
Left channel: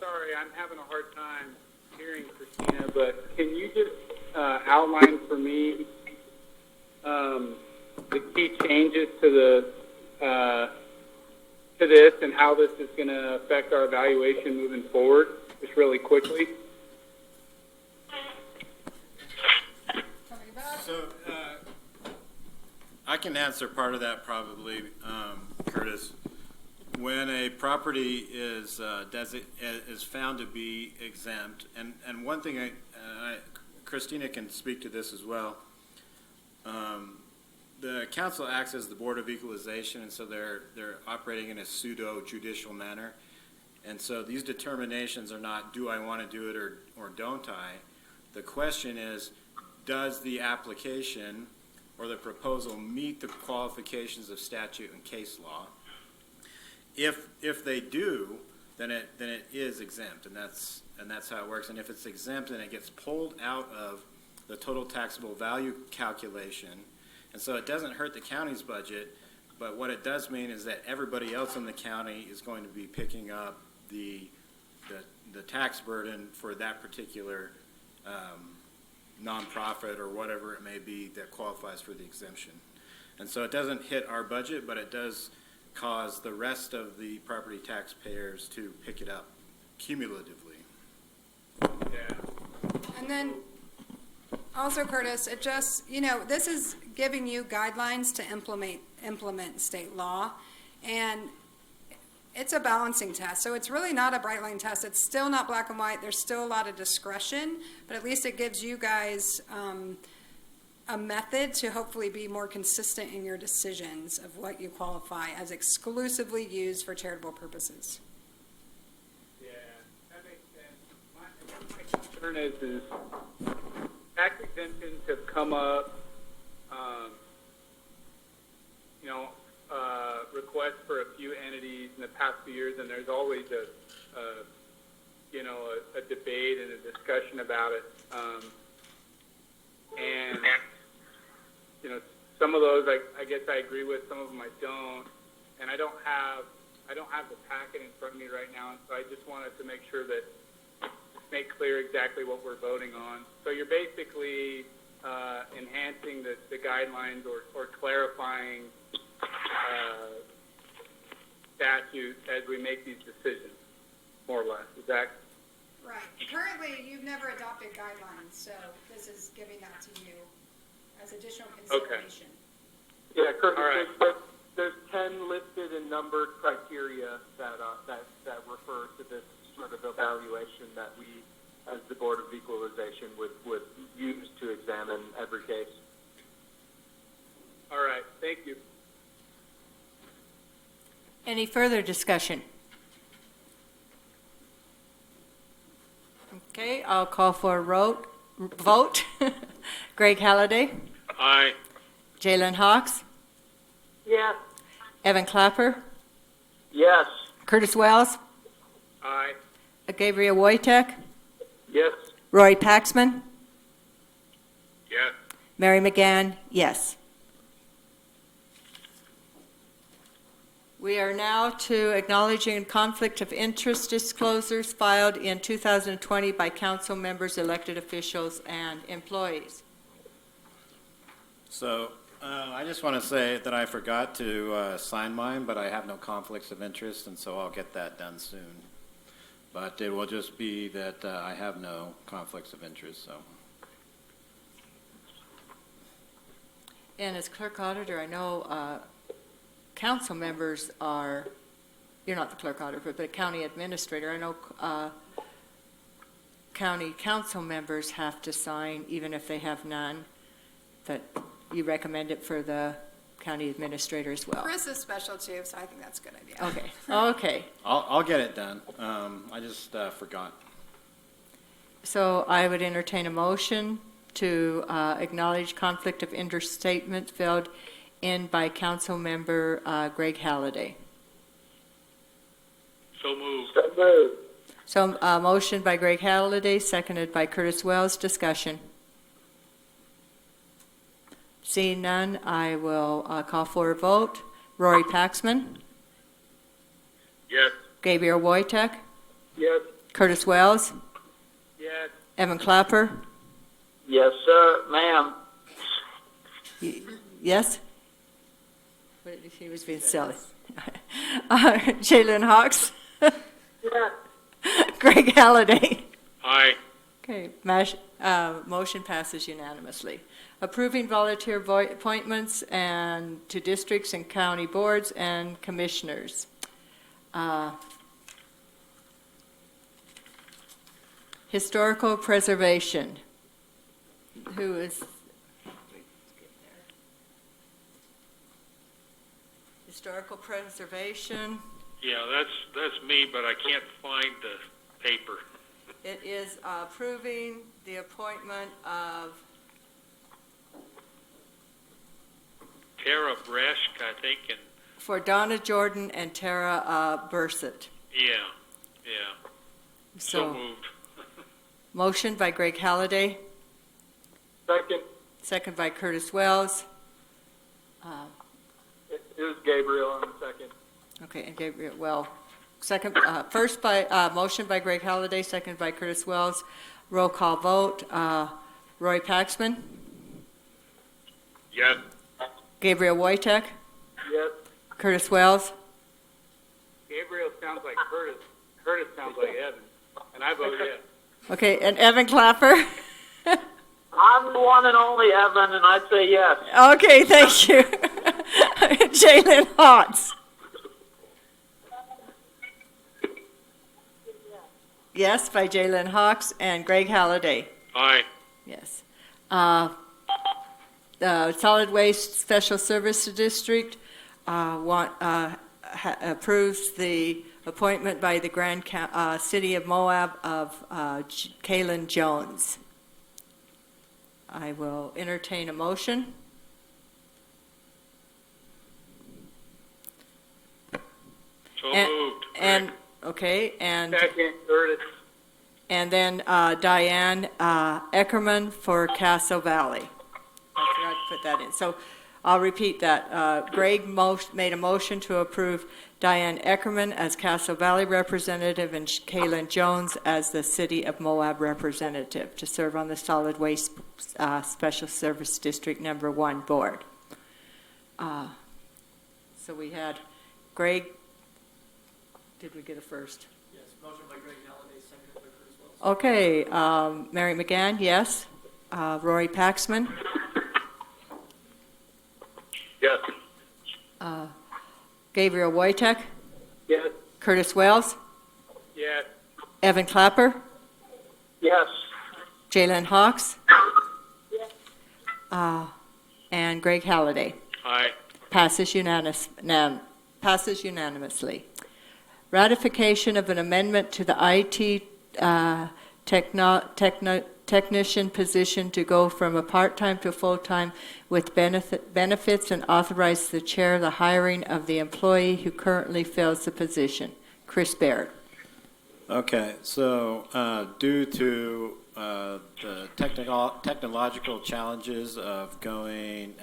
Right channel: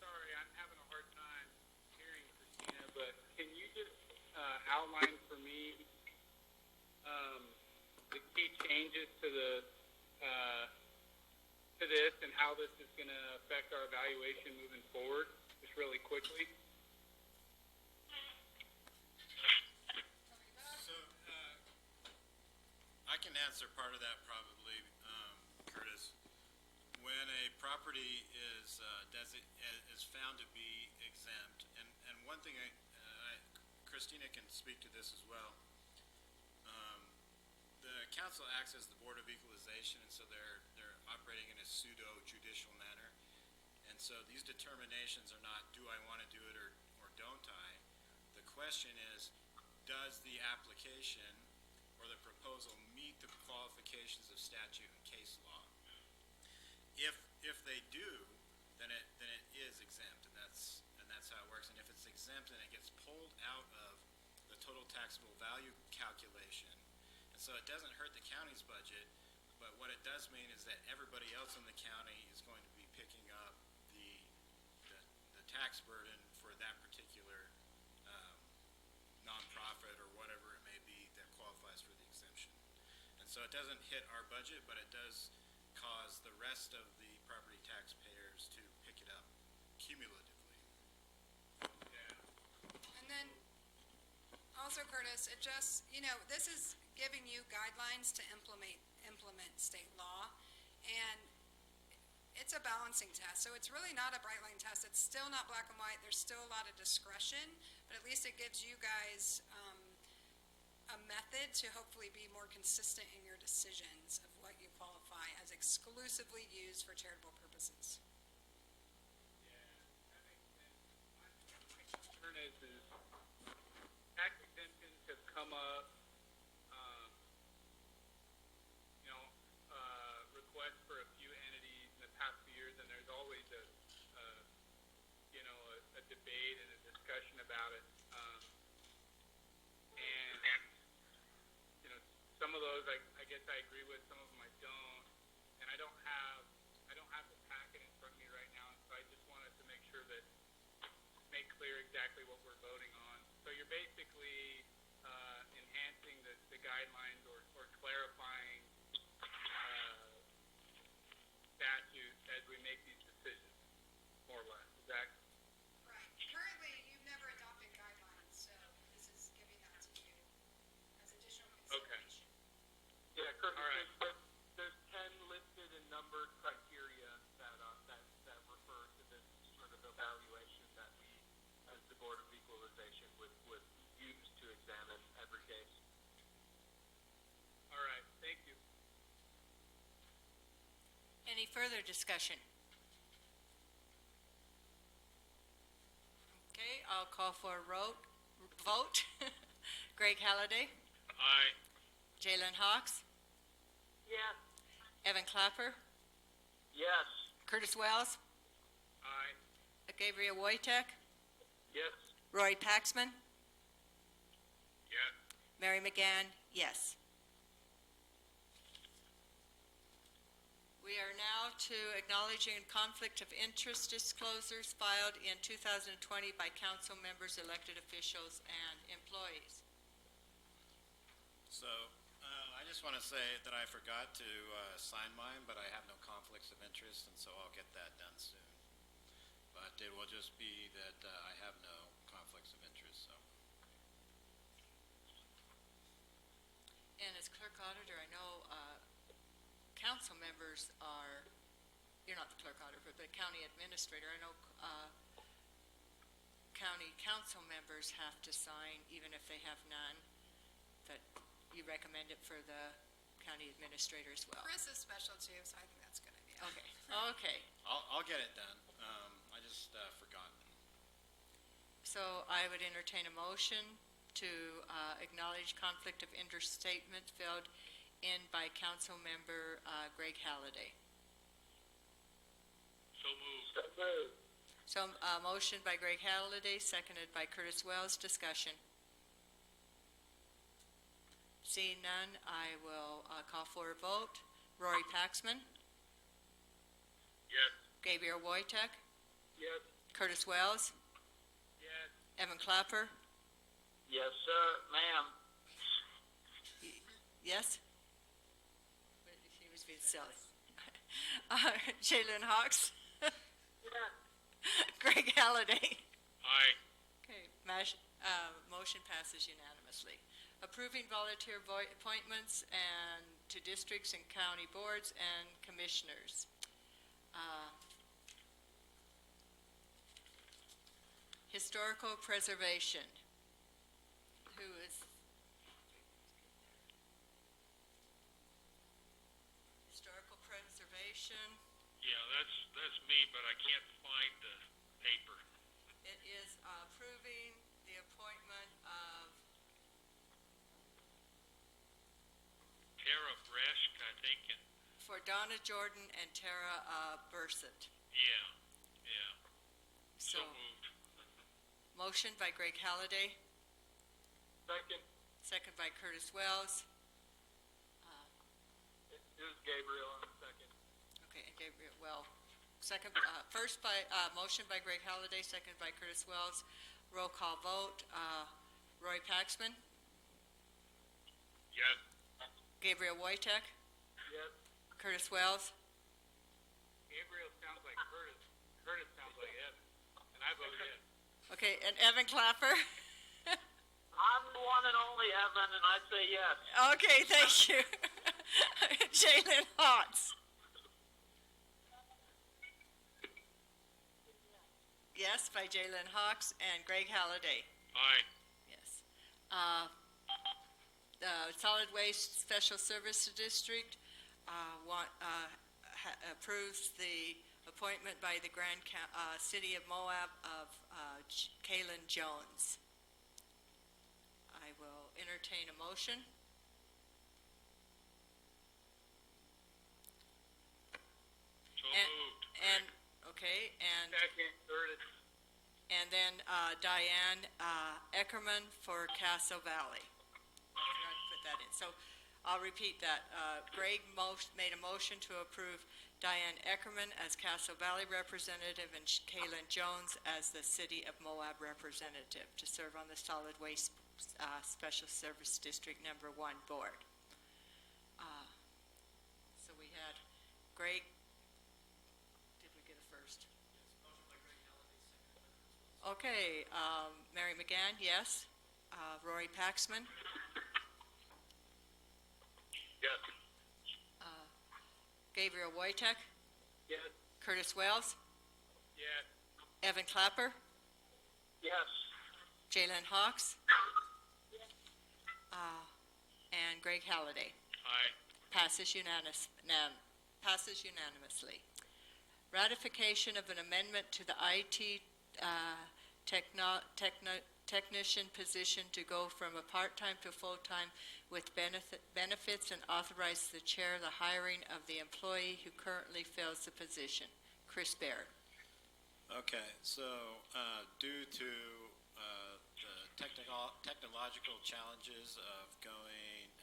sorry, I'm having a hard time hearing Christina, but can you just outline for me the key changes to this and how this is going to affect our evaluation moving forward, just really quickly? So, I can answer part of that probably, Curtis. When a property is found to be exempt, and one thing Christina can speak to this as well. The council acts as the Board of Equalization, and so they're operating in a pseudo-judicial manner. And so these determinations are not, do I want to do it or don't I? The question is, does the application or the proposal meet the qualifications of statute and case law? If they do, then it is exempt, and that's how it works. And if it's exempt, then it gets pulled out of the total taxable value calculation. And so it doesn't hurt the county's budget, but what it does mean is that everybody else in the county is going to be picking up the tax burden for that particular nonprofit or whatever it may be that qualifies for the exemption. And so it doesn't hit our budget, but it does cause the rest of the property taxpayers to pick it up cumulatively. Yeah. And then also, Curtis, it just, this is giving you guidelines to implement state law, and it's a balancing test. So it's really not a bright line test. It's still not black and white. There's still a lot of discretion, but at least it gives you guys a method to hopefully be more consistent in your decisions of what you qualify as exclusively used for charitable purposes. Yeah, that makes sense. My concern is tax tensions have come up, requests for a few entities in the past few years, and there's always a debate and a discussion about it. And some of those I guess I agree with, some of them I don't, and I don't have the packet in front of me right now, and so I just wanted to make sure that make clear exactly what we're voting on. So you're basically enhancing the guidelines or clarifying statute as we make these decisions, more or less. Is that Right. Currently, you've never adopted guidelines, so this is giving that to you as additional consideration. Yeah, Curtis, All right. there's 10 listed and numbered criteria that refer to this sort of evaluation that we, as the Board of Equalization, would use to examine every case. all right? Thank you. Any further discussion? Okay, I'll call for a vote. Greg Halliday, Aye. Jalen Hawks, Yes. Evan Clapper, Yes. Curtis Wells, Aye. Gabriel Wojtek, Yes. Roy Paxman, Yes. Mary McGann, yes. We are now to acknowledging conflict of interest disclosures filed in 2020 by council members, elected officials, and employees. So, I just want to say that I forgot to sign mine, but I have no conflicts of interest, and so I'll get that done soon. But it will just be that I have no conflicts of interest, so. And as clerk auditor, I know council members are, you're not the clerk auditor, but county administrator, I know county council members have to sign, even if they have none, that you recommend it for the county administrator as well. Chris is special too, so I think that's a good idea. Okay, okay. I'll get it done. I just forgot. So I would entertain a motion to acknowledge conflict of interest statement filled in by council member Greg Halliday. So moved. So moved. So motion by Greg Halliday, seconded by Curtis Wells. Discussion. Seeing none, I will call for a vote. Rory Paxman, Yes. Gabriel Wojtek, Yes. Curtis Wells, Yes. Evan Clapper, Yes, sir, ma'am. yes? He was being silly. Jalen Hawks, Yes. Greg Halliday. Aye. Okay, motion passes unanimously. Approving volunteer appointments and to districts and county boards and commissioners. Historical preservation. Who is? Historical preservation. Yeah, that's me, but I can't find the paper. It is approving the appointment of Tara Bresch, I think, and for Donna Jordan and Tara Bursett. yeah. So moved. Motion by Greg Halliday, Second, second by Curtis Wells. it was Gabriel on the second. Okay, and Gabriel, well, second, first by, motion by Greg Halliday, second by Curtis Wells. Roll call vote. Roy Paxman, Yes. Gabriel Wojtek, Yes. Curtis Wells, Gabriel sounds like Curtis. Curtis sounds like Evan. And I vote yes. okay, and Evan Clapper. I'm the one and only Evan, and I'd say yes. Okay, thank you. Jalen Hawks. Yes, by Jalen Hawks and Greg Halliday. Aye. Yes. The Solid Waste Special Service District approves the appointment by the Grand City of Moab of Kaylin Jones. I will entertain a motion. So And- moved. And, okay, and, Second, Curtis. and then Diane Eckerman for Castle Valley. I forgot to put that in. So I'll repeat that. Greg made a motion to approve Diane Eckerman as Castle Valley representative and Kaylin Jones as the City of Moab representative to serve on the Solid Waste Special Service District Number 1 board. So we had Greg, did we get a first? Yes, motion by Greg Halliday, seconded by Curtis Wells. Okay, Mary McGann, yes. Rory Paxman, Yes. Gabriel Wojtek, Yes. Curtis Wells, Yes. Evan Clapper, Yes. Jalen Hawks, and Greg Halliday. Aye. Passes unanimously. Ratification of an amendment to the IT technician position to go from a part-time to full-time with benefits, and authorize the chair the hiring of the employee who currently fills the position. Chris Baird. Okay, so due to the technological challenges of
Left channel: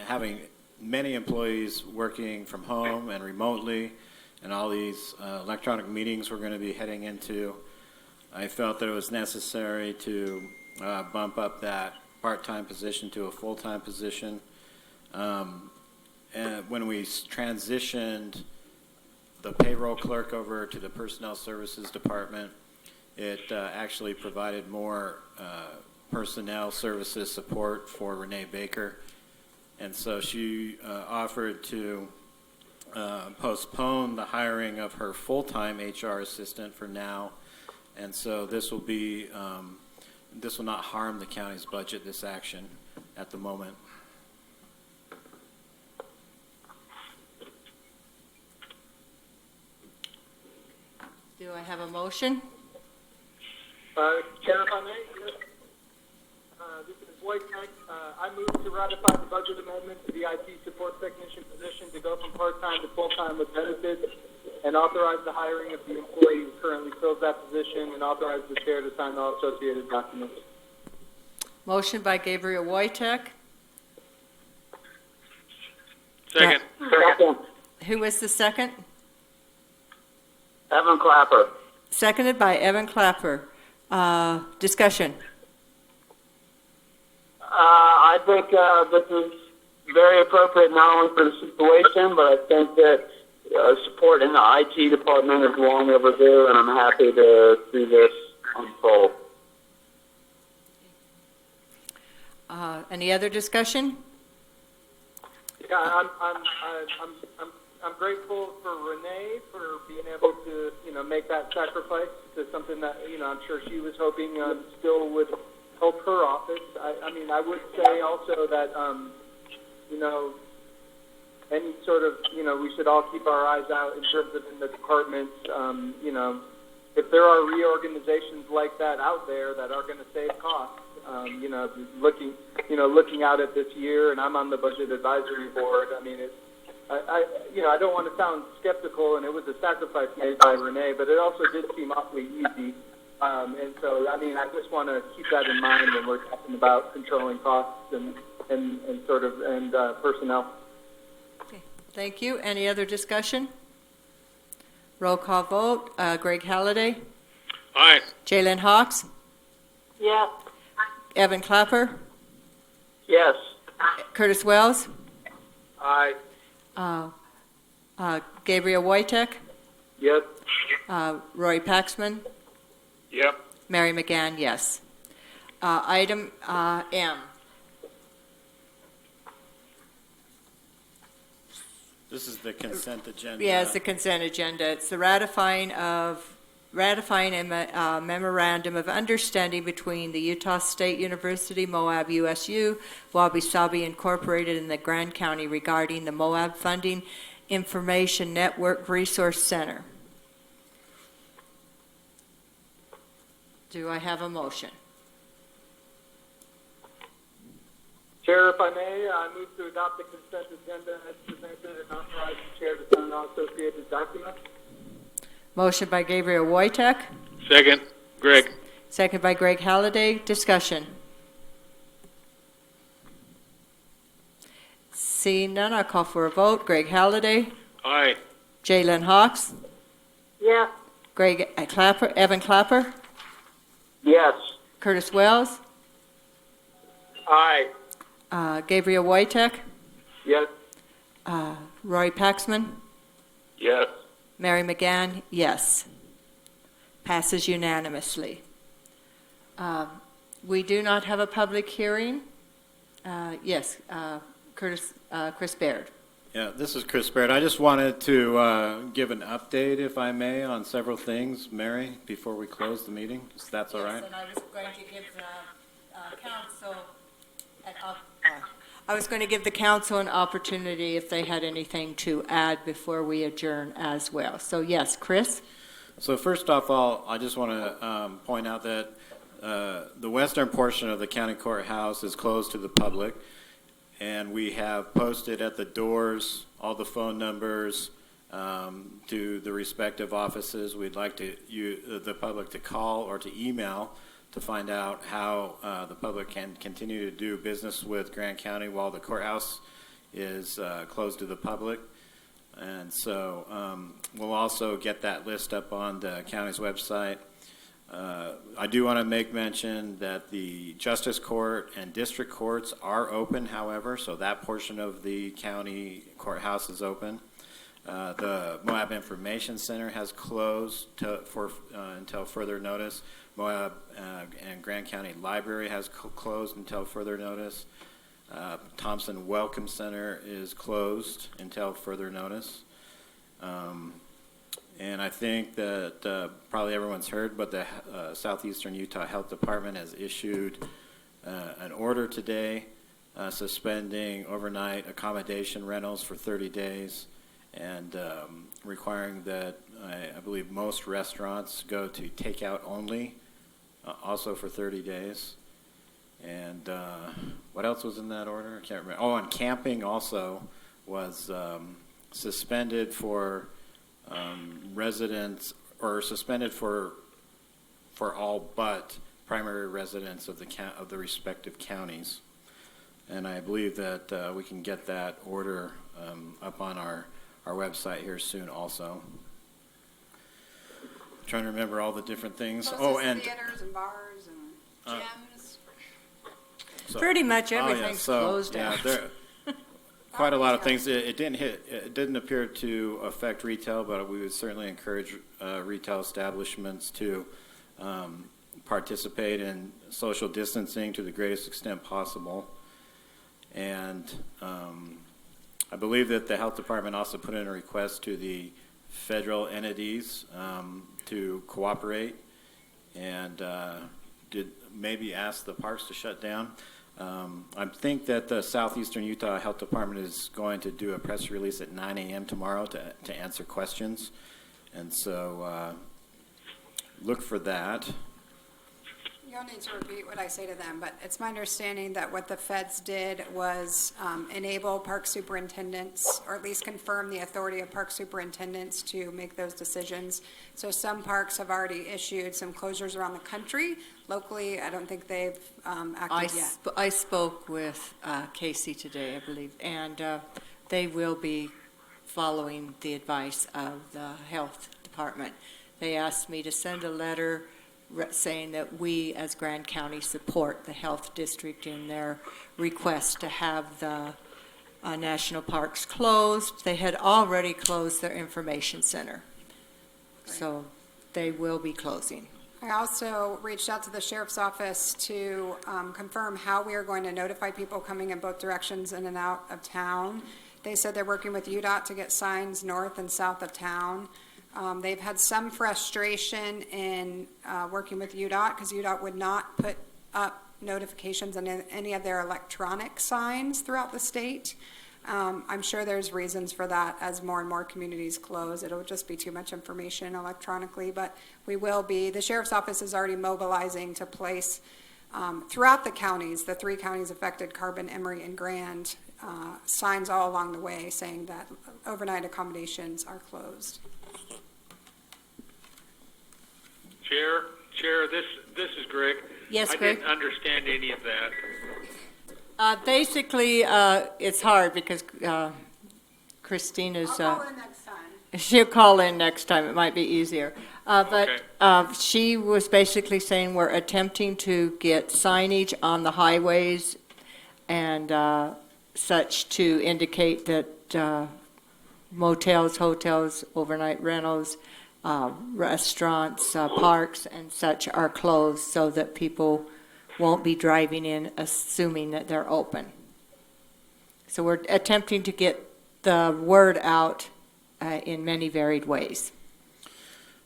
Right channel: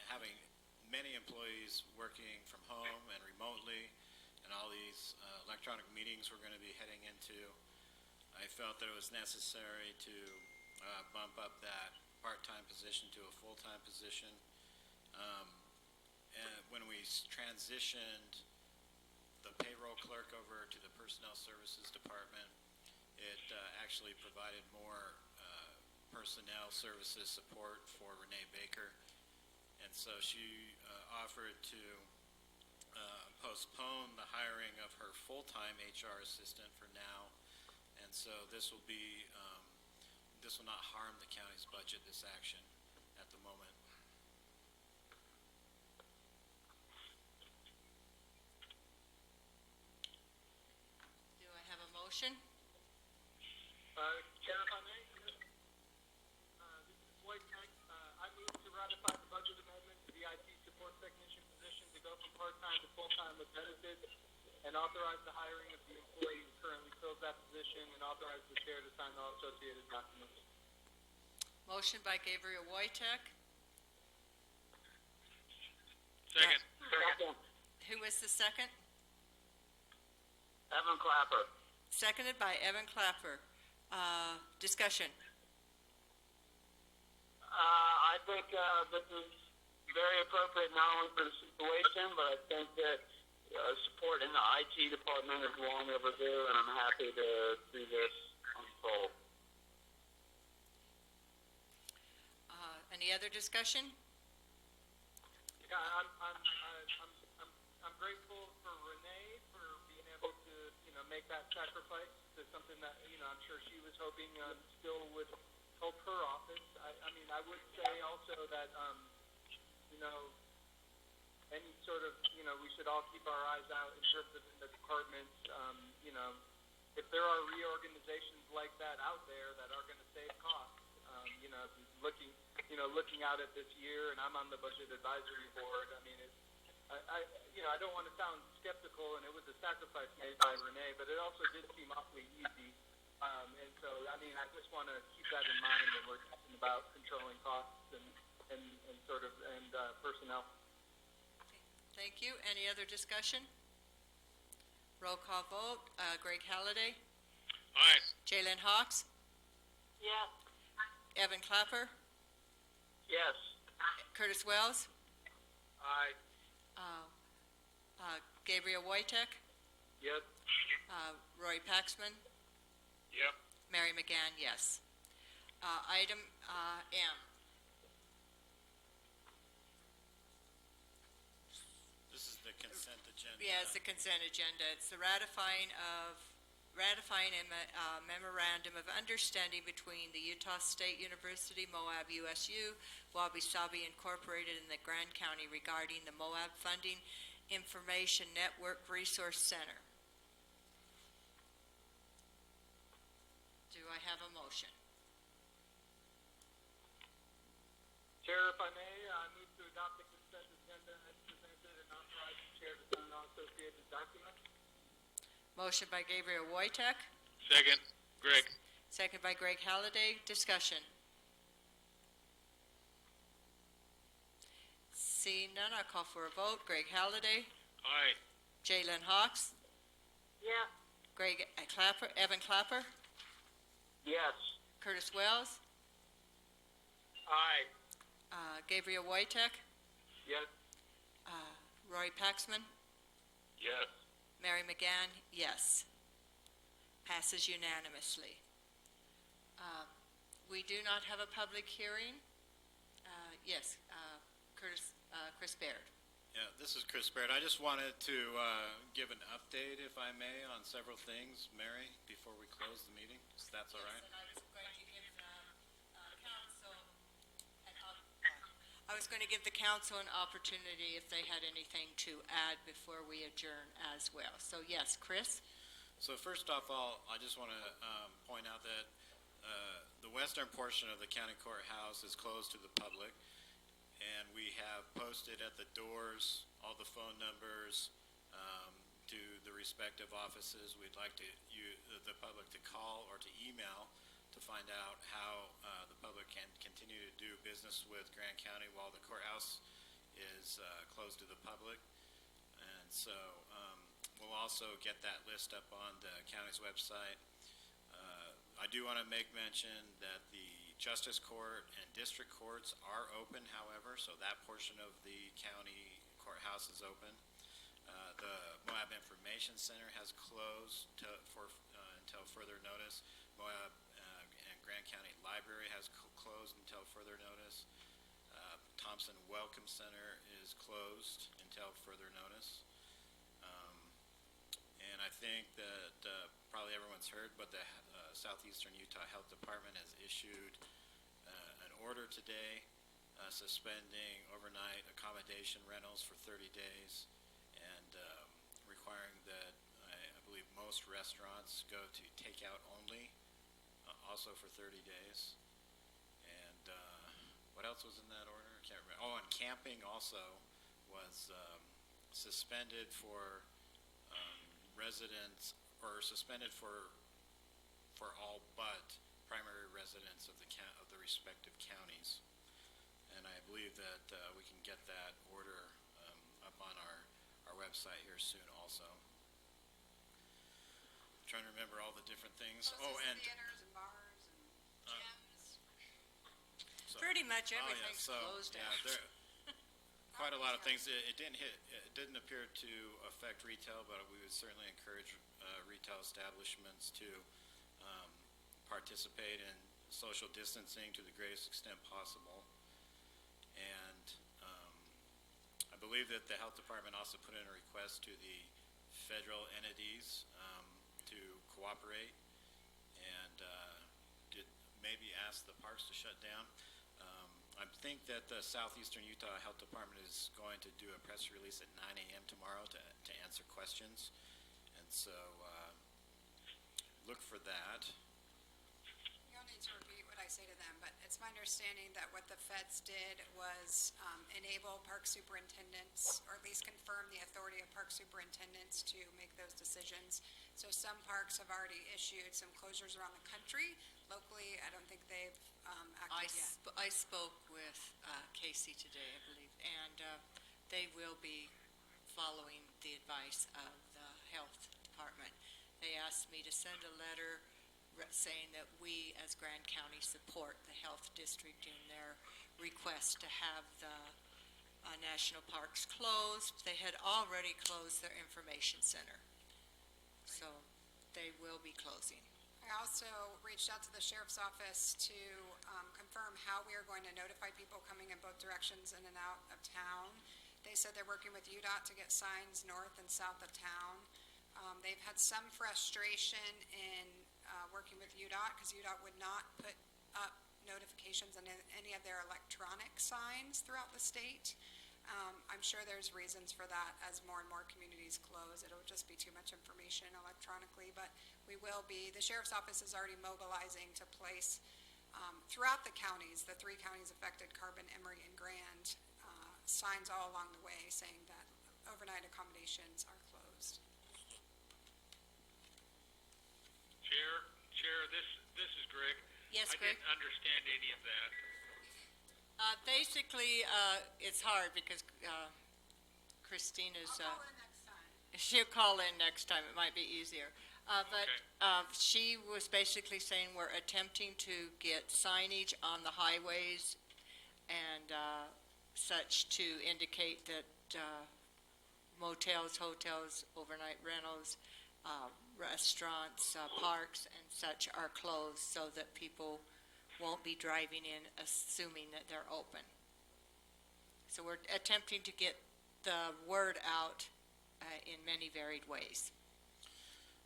having many employees working from home and remotely, and all these electronic meetings we're going to be heading into, I felt that it was necessary to bump up that part-time position to a full-time position. And when we transitioned the payroll clerk over to the Personnel Services Department, it actually provided more personnel services support for Renee Baker. And so she offered to postpone the hiring of her full-time HR assistant for now. And so this will not harm the county's budget, this action, at the moment. Do I have a motion? Chair, if I may, this is Wojtek. I move to ratify the budget amendment to the IT support technician position to go from part-time to full-time with benefits, and authorize the hiring of the employee who currently fills that position, and authorize the chair to sign all associated documents. Motion by Gabriel Wojtek. Second. Second. Who was the second? Evan Clapper. Seconded by Evan Clapper. Discussion. I think this is very appropriate not only for the situation, but I think that support in the IT department is long overdue, and I'm happy to see this unfold. Any other discussion? Yeah, I'm grateful for Renee for being able to, make that sacrifice to something that, I'm sure she was hoping still would help her office. I would say also that, any sort of, we should all keep our eyes out in terms of in the departments, if there are reorganizations like that out there that are going to save costs, looking out at this year, and I'm on the budget advisory board. I don't want to sound skeptical, and it was a sacrifice made by Renee, but it also did seem awfully easy. And so, I just want to keep that in mind when we're talking about controlling costs and personnel. Okay, thank you. Any other discussion? Roll call vote. Greg Halliday. Aye. Jalen Hawks. Yes. Evan Clapper. Yes. Curtis Wells. Aye. Gabriel Wojtek. Yep. Roy Paxman. Yep. Mary McGann, yes. Item M. This is the consent agenda. Yes, the consent agenda. It's the ratifying a memorandum of understanding between the Utah State University, Moab USU, Wabi Sabi Incorporated, and the Grand County regarding the Moab Funding Information Network Resource Center. Do I have a motion? Chair, if I may, I move to adopt the consent agenda as presented and authorize the chair to sign all associated documents. Motion by Gabriel Wojtek, Second, Greg. second by Greg Halliday. Discussion. Seeing none, I'll call for a vote. Greg Halliday, Aye. Jalen Hawks, Yes. Greg Clapper, Evan Clapper, Yes. Curtis Wells, Aye. Gabriel Wojtek, Yes. Roy Paxman, Yes. Mary McGann, yes. Passes unanimously. We do not have a public hearing. Yes, Chris Baird. Yeah, this is Chris Baird. I just wanted to give an update, if I may, on several things, Mary, before we close the meeting, if that's all right. Yes, and I was going to give the council I was going to give the council an opportunity if they had anything to add before we adjourn as well. So yes, Chris? So first off, I just want to point out that the western portion of the county courthouse is closed to the public, and we have posted at the doors all the phone numbers to the respective offices. We'd like the public to call or to email to find out how the public can continue to do business with Grant County while the courthouse is closed to the public. And so we'll also get that list up on the county's website. I do want to make mention that the Justice Court and District Courts are open, however, so that portion of the county courthouse is open. The Moab Information Center has closed until further notice. Moab and Grant County Library has closed until further notice. Thompson Welcome Center is closed until further notice. And I think that probably everyone's heard, but the Southeastern Utah Health Department has issued an order today suspending overnight accommodation rentals for 30 days and requiring that I believe most restaurants go to takeout only, also for 30 days. And what else was in that order? I can't remember. Oh, and camping also was suspended for residents, or suspended for all but primary residents of the respective counties. And I believe that we can get that order up on our website here soon also. Trying to remember all the different things. And theaters and bars and gyms. Pretty much everything's closed out. There quite a lot of things. It didn't appear to affect retail, but we would certainly encourage retail establishments to participate in social distancing to the greatest extent possible. And I believe that the health department also put in a request to the federal entities to cooperate and did maybe ask the parks to shut down. I think that the Southeastern Utah Health Department is going to do a press release at 9 a.m. tomorrow to answer questions. And so look for that. You don't need to repeat what I say to them, but it's my understanding that what the feds did was enable park superintendents, or at least confirm the authority of park superintendents to make those decisions. So some parks have already issued some closures around the country. Locally, I don't think they've acted yet. I spoke with Casey today, I believe, and they will be following the advice of the health department. They asked me to send a letter saying that we as Grand County support the health district in their request to have the national parks closed. They had already closed their information center, so they will be closing. I also reached out to the sheriff's office to confirm how we are going to notify people coming in both directions in and out of town. They said they're working with UDOT to get signs north and south of town. They've had some frustration in working with UDOT because UDOT would not put up notifications on any of their electronic signs throughout the state. I'm sure there's reasons for that. As more and more communities close, it'll just be too much information electronically, but we will be. The sheriff's office is already mobilizing to place throughout the counties, the 3 counties affected, Carbon, Emory, and Grand, signs all along the way saying that overnight accommodations are closed. Chair, this is Greg. Yes, I Greg? didn't understand any of that. Basically, it's hard because Christina's, I'll call in next time. she'll call in next time. It might be easier. But she was basically saying we're attempting to get signage on the highways and such to indicate that motels, hotels, overnight rentals, restaurants, parks, and such are closed so that people won't be driving in assuming that they're open. So we're attempting to get the word out in many varied ways.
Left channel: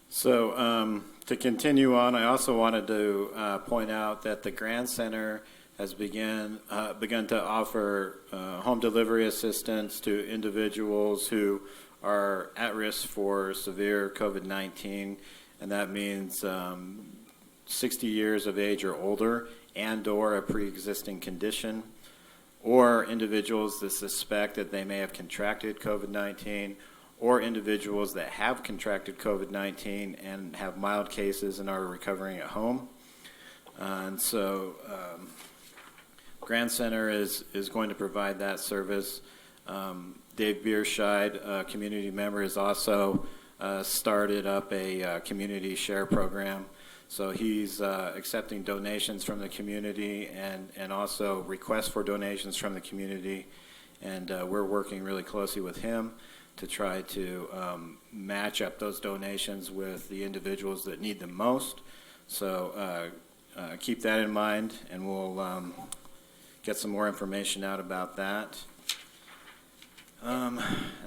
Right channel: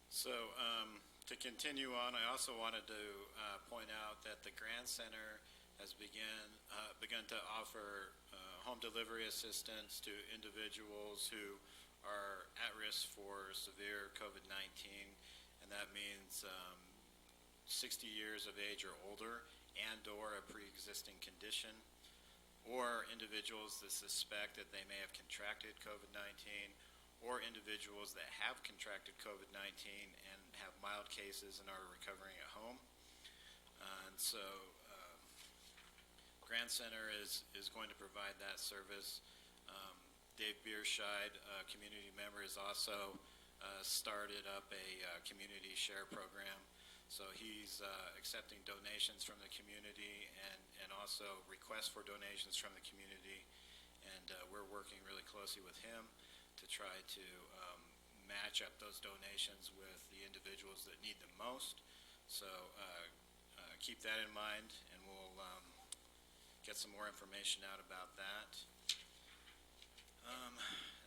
So to continue on, I also wanted to point out that the Grand Center has begun to offer home delivery assistance to individuals who are at risk for severe COVID-19, and that means 60 years of age or older and/or a pre-existing condition, or individuals that suspect that they may have contracted COVID-19, or individuals that have contracted COVID-19 and have mild cases and are recovering at home. And so Grand Center is going to provide that service. Dave Bierscheid, a community member, has also started up a community share program. So he's accepting donations from the community and also requests for donations from the community. And we're working really closely with him to try to match up those donations with the individuals that need them most. So keep that in mind, and we'll get some more information out about that.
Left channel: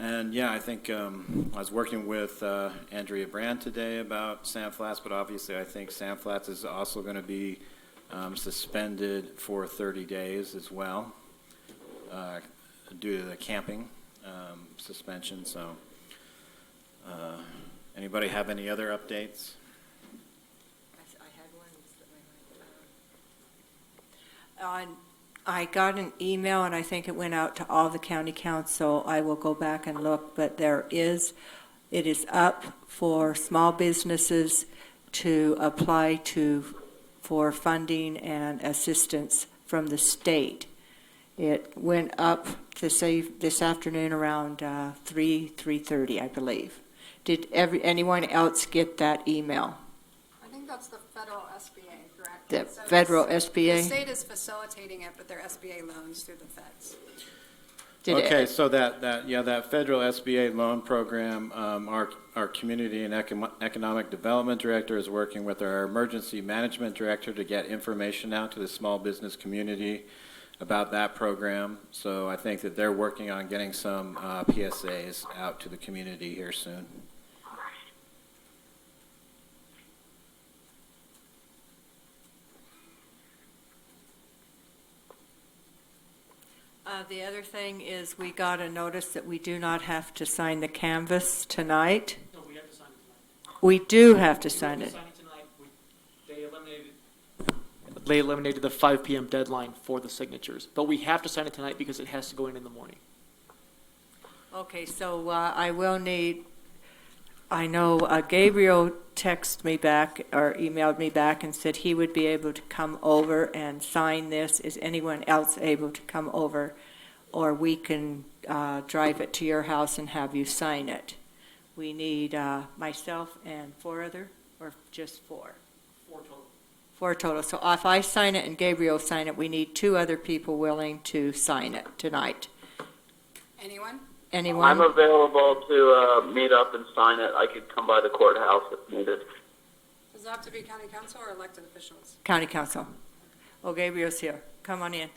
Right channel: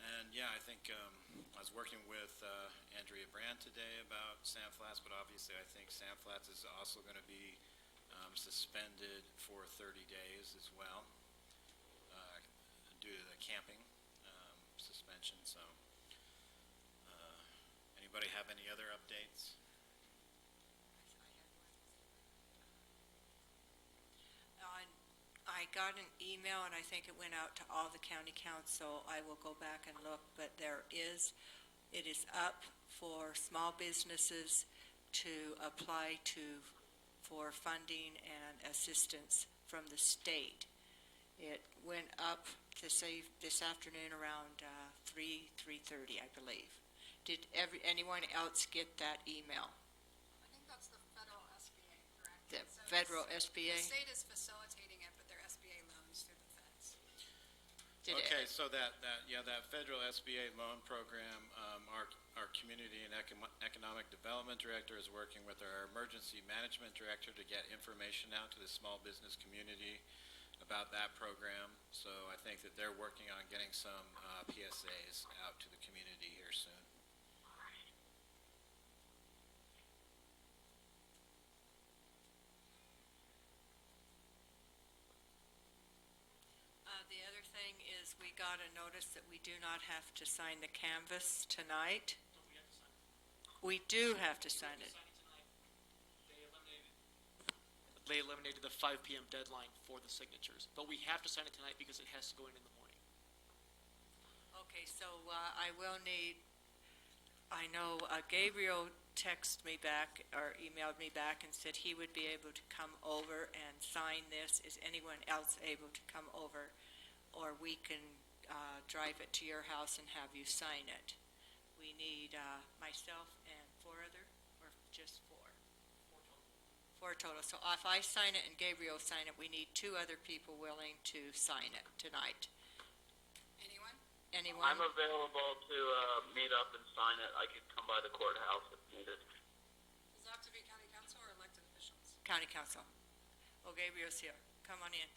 And yeah, I think I was working with Andrea Brand today about Sand Flats, but obviously I think Sand Flats is also going to be suspended for 30 days as well due to the camping suspension. So anybody have any other updates? I got an email, and I think it went out to all the county council. I will go back and look, but it is up for small businesses to apply for funding and assistance from the state. It went up to say this afternoon around 3:30, I believe. Did anyone else get that email? I think that's the federal SBA, correct? The So federal The SBA? state is facilitating it, but they're SBA loans through the feds. Did So that federal SBA loan program, our community and economic development director is working with our emergency management director to get information out to the small business community about that program. So I think that they're working on getting some PSAs out to the community here soon. The other thing is we got a notice that we do not have to sign the canvas tonight. No, we have to sign it tonight. We do have to sign it. They eliminated the 5 p.m. deadline for the signatures, but we have to sign it tonight because it has to go in the morning. Okay, so I know Gabriel texted me back or emailed me back and said he would be able to come over and sign this. Is anyone else able to come over? Or we can drive it to your house and have you sign it. We need myself and 4 other, or just 4? 4 total. 4 total. So if I sign it and Gabriel sign it, we need 2 other people willing to sign it tonight. Anyone? Anyone? I'm available to meet up and sign it. I could come by the courthouse if needed. Does it have to be county council or elected officials? County Council. Oh, Gabriel's here. Come on in.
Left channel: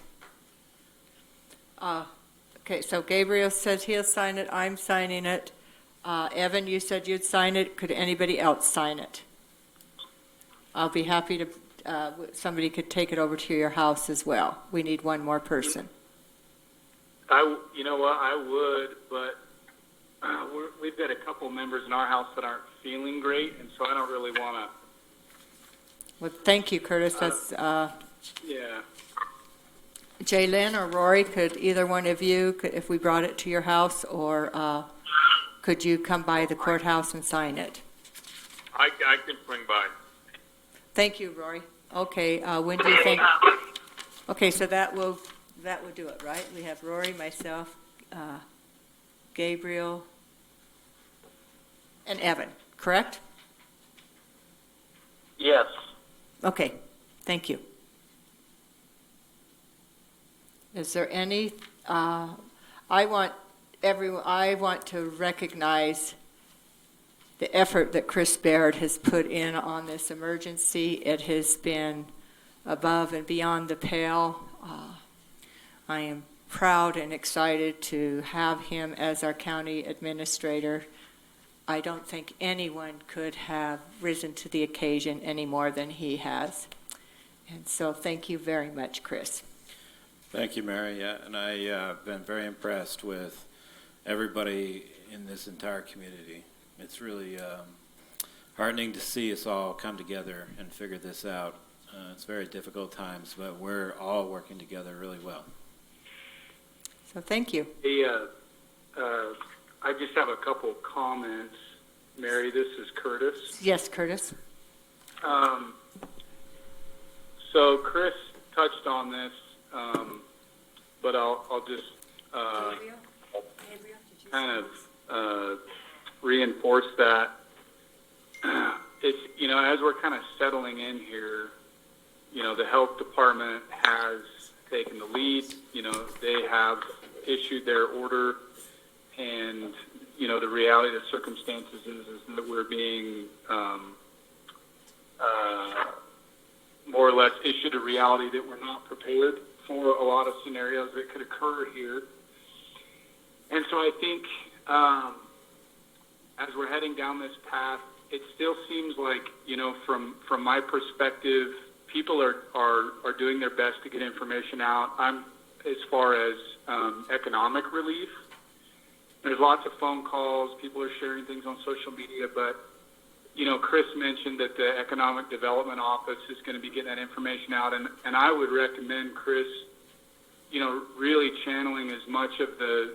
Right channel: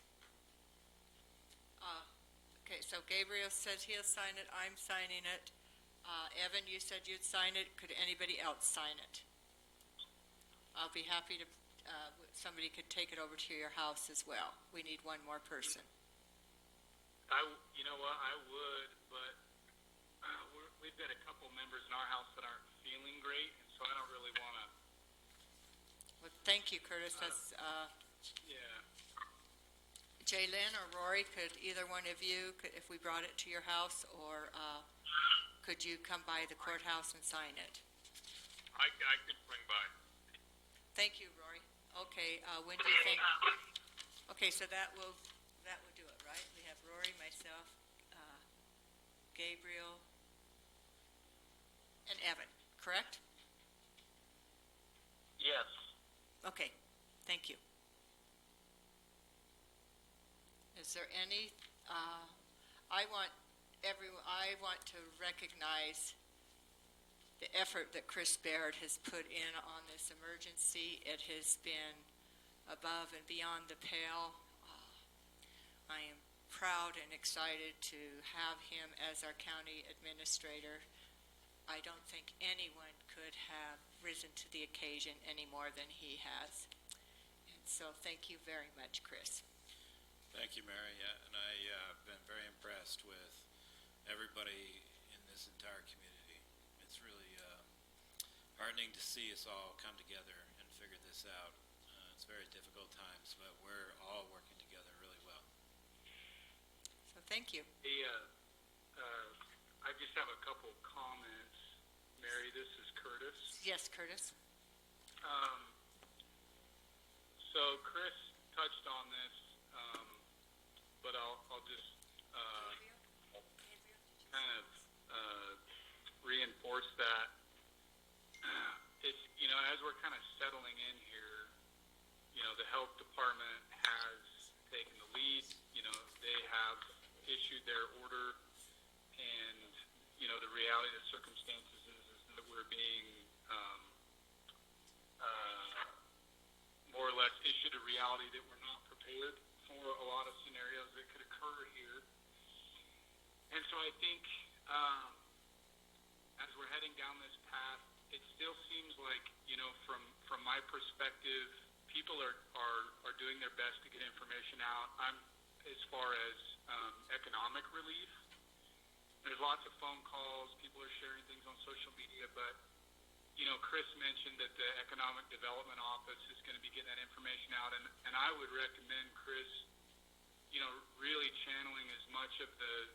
Okay, so Gabriel says he'll sign it. I'm signing it. Evan, you said you'd sign it. Could anybody else sign it? I'll be happy to, somebody could take it over to your house as well. We need 1 more person. You know what, I would, but we've got a couple members in our house that aren't feeling great, and so I don't really want to. Well, thank you, Curtis. That's, Yeah. Jaylyn or Rory, could either one of you, if we brought it to your house, or could you come by the courthouse and sign it? I can swing by. Thank you, Rory. Okay, when do you think? Okay, so that will do it, right? We have Rory, myself, Gabriel, and Evan, correct? Yes. Okay, thank you. Is there any, I want to recognize the effort that Chris Baird has put in on this emergency. It has been above and beyond the pale. I am proud and excited to have him as our county administrator. I don't think anyone could have risen to the occasion any more than he has. And so thank you very much, Chris. Thank you, Mary. Yeah, and I've been very impressed with everybody in this entire community. It's really heartening to see us all come together and figure this out. It's very difficult times, but we're all working together really well. So thank you. I just have a couple comments. Mary, this is Curtis. Yes, Curtis. So Chris touched on this, but I'll just kind of reinforce that. It's, as we're kind of settling in here, the health department has taken the lead. They have issued their order, and the reality of the circumstances is that we're being more or less issued a reality that we're not prepared for a lot of scenarios that could occur here. And so I think as we're heading down this path, it still seems like, from my perspective, people are doing their best to get information out. As far as economic relief, there's lots of phone calls. People are sharing things on social media, but Chris mentioned that the Economic Development Office is going to be getting that information out, and I would recommend Chris, really channeling as much of the,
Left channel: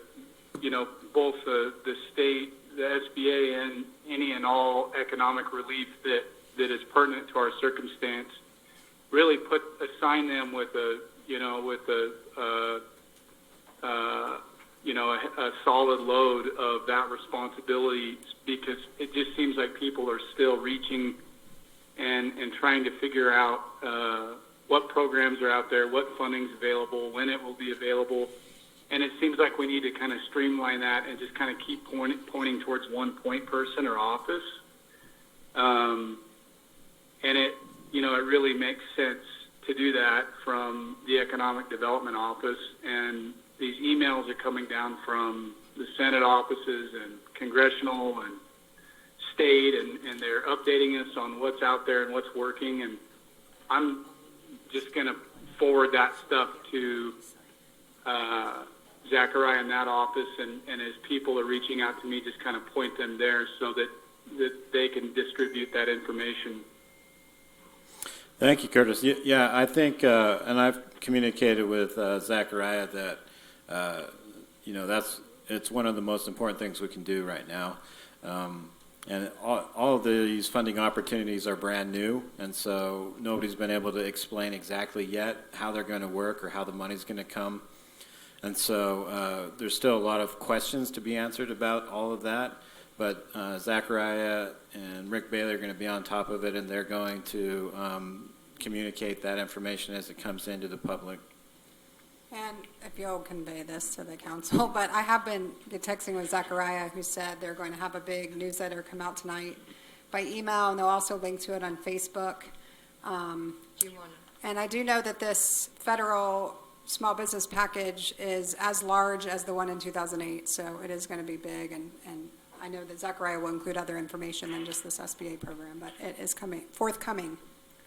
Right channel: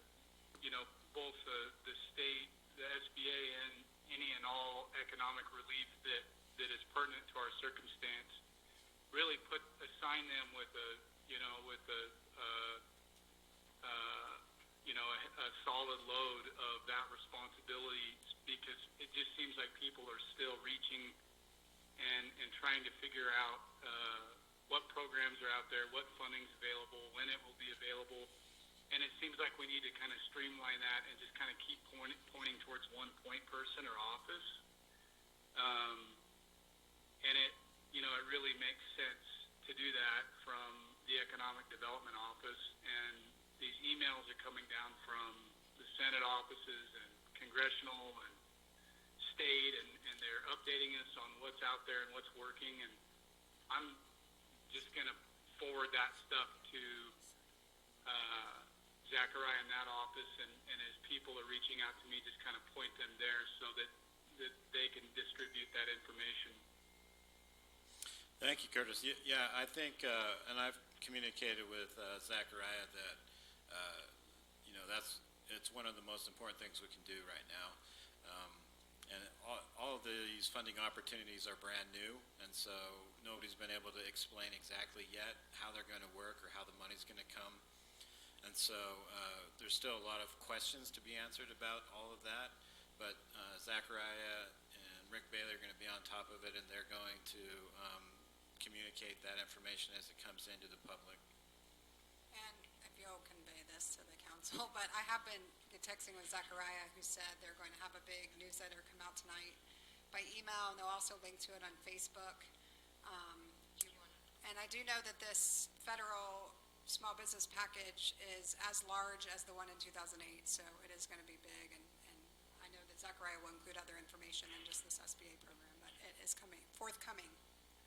both the state, the SBA, and any and all economic relief that is pertinent to our circumstance. Really assign them with a solid load of that responsibility, because it just seems like people are still reaching and trying to figure out what programs are out there, what funding's available, when it will be available. And it seems like we need to kind of streamline that and just kind of keep pointing towards one point person or office. And it really makes sense to do that from the Economic Development Office. And these emails are coming down from the Senate offices and congressional and state, and they're updating us on what's out there and what's working. And I'm just going to forward that stuff to Zachariah in that office, and as people are reaching out to me, just kind of point them there so that they can distribute that information. Thank you, Curtis. Yeah, I think, and I've communicated with Zachariah that, it's one of the most important things we can do right now. And all of these funding opportunities are brand new, and so nobody's been able to explain exactly yet how they're going to work or how the money's going to come. And so there's still a lot of questions to be answered about all of that, but Zachariah and Rick Bailey are going to be on top of it, and they're going to communicate that information as it comes into the public. And if you'll convey this to the council, but I have been texting with Zachariah, who said they're going to have a big newsletter come out tonight by email, and they'll also link to it on Facebook. And I do know that this federal small business package is as large as the one in 2008, so it is going to be big, and I know that Zachariah will include other information than just this SBA program, but it is forthcoming.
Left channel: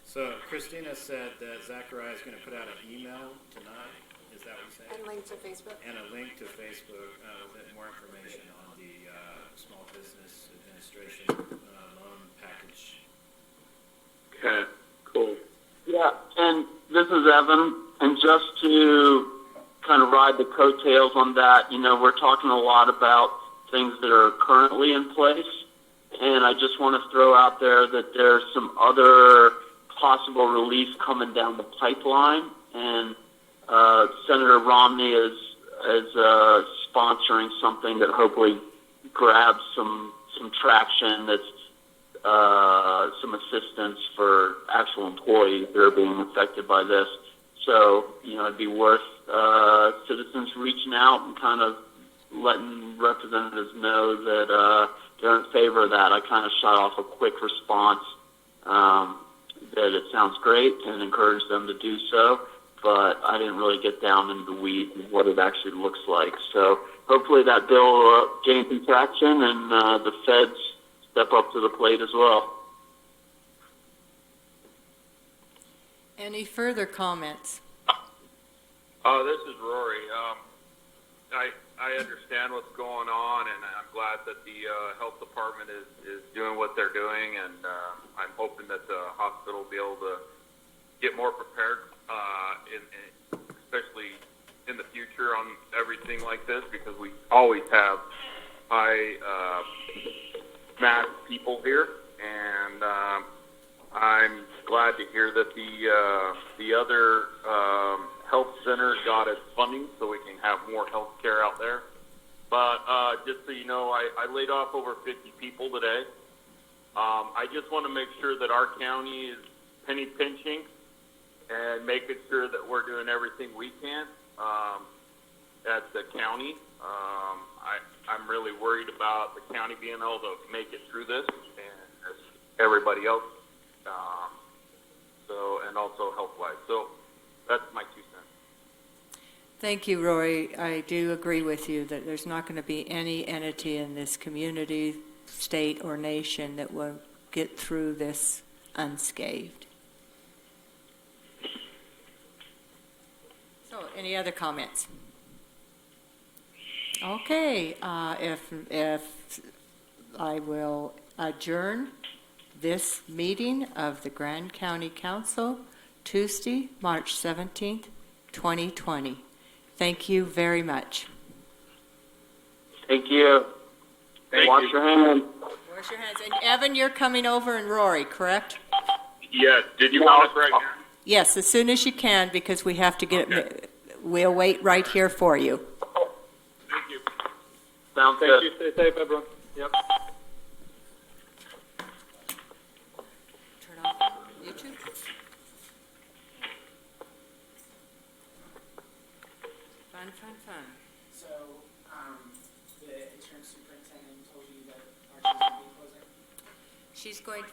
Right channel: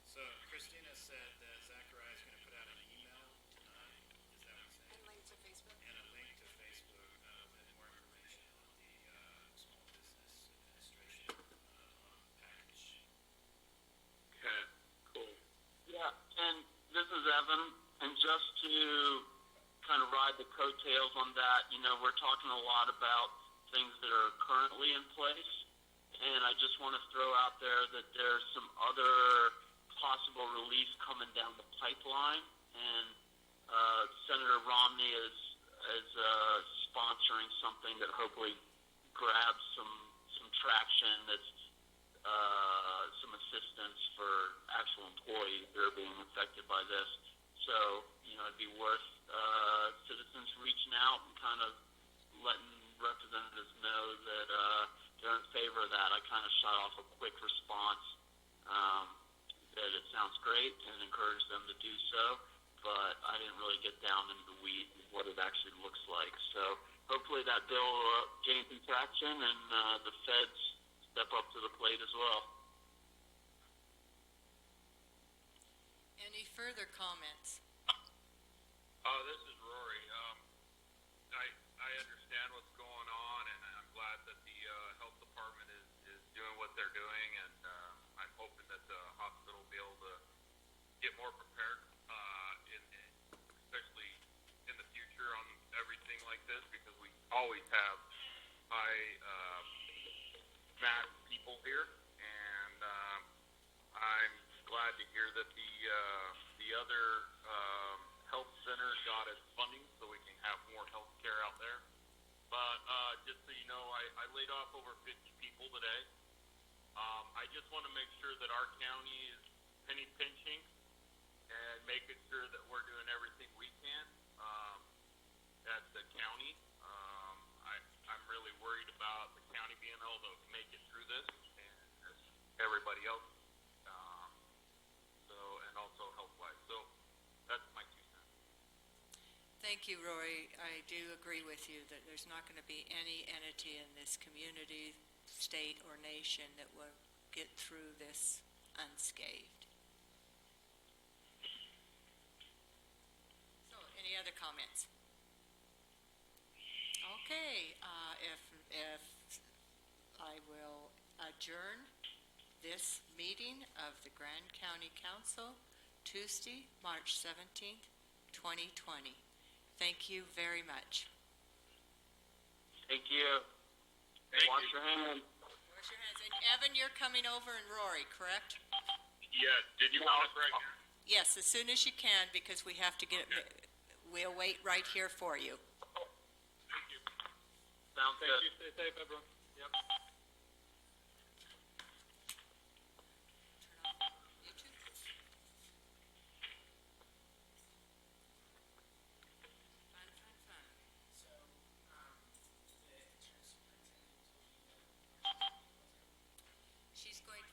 So Christina said that Zachariah is going to put out an email tonight. Is that what you said? And link to Facebook. And a link to Facebook with more information on the Small Business Administration loan package. Okay, cool. Yeah, and This is Evan, and just to kind of ride the coattails on that, we're talking a lot about things that are currently in place, and I just want to throw out there that there's some other possible relief coming down the pipeline, and Senator Romney is sponsoring something that hopefully grabs some traction. That's some assistance for actual employees that are being affected by this. So, it'd be worth citizens reaching out and kind of letting representatives know that they're in favor of that. I kind of shot off a quick response that it sounds great and encourage them to do so, but I didn't really get down into the weeds of what it actually looks like. So hopefully that bill will gain some traction and the feds step up to the plate as well. Any further comments? This is Rory. I understand what's going on, and I'm glad that the health department is doing what they're doing, and I'm hoping that the hospital will be able to get more prepared, especially in the future on everything like this, because we always have high mass people here, and I'm glad to hear that the other health center got its funding so we can have more health care out there. But just so you know, I laid off over 50 people today. I just want to make sure that our county is penny pinching and making sure that we're doing everything we can at the county. I'm really worried about the county being able to make it through this, and everybody else, and also health-wise. So that's my 2 cents. Thank you, Rory. I do agree with you that there's not going to be any entity in this community, state, or nation that will get through this unscathed. So, any other comments? Okay, if I will adjourn this meeting of the Grand County Council, Tuesday, March 17th, 2020. Thank you very much. Thank you. Wash your hands. Wash your hands. And Evan, you're coming over, and Rory, correct? Yes. Did you want us right now? Yes, as soon as you can, because we have to get it. We'll wait right here for you. Thank you. Sounds Thank good. you. Stay safe, everyone. Yep. Turn on YouTube. Fun. So, the insurance superintendent told you that Archie's going to be closing? She's going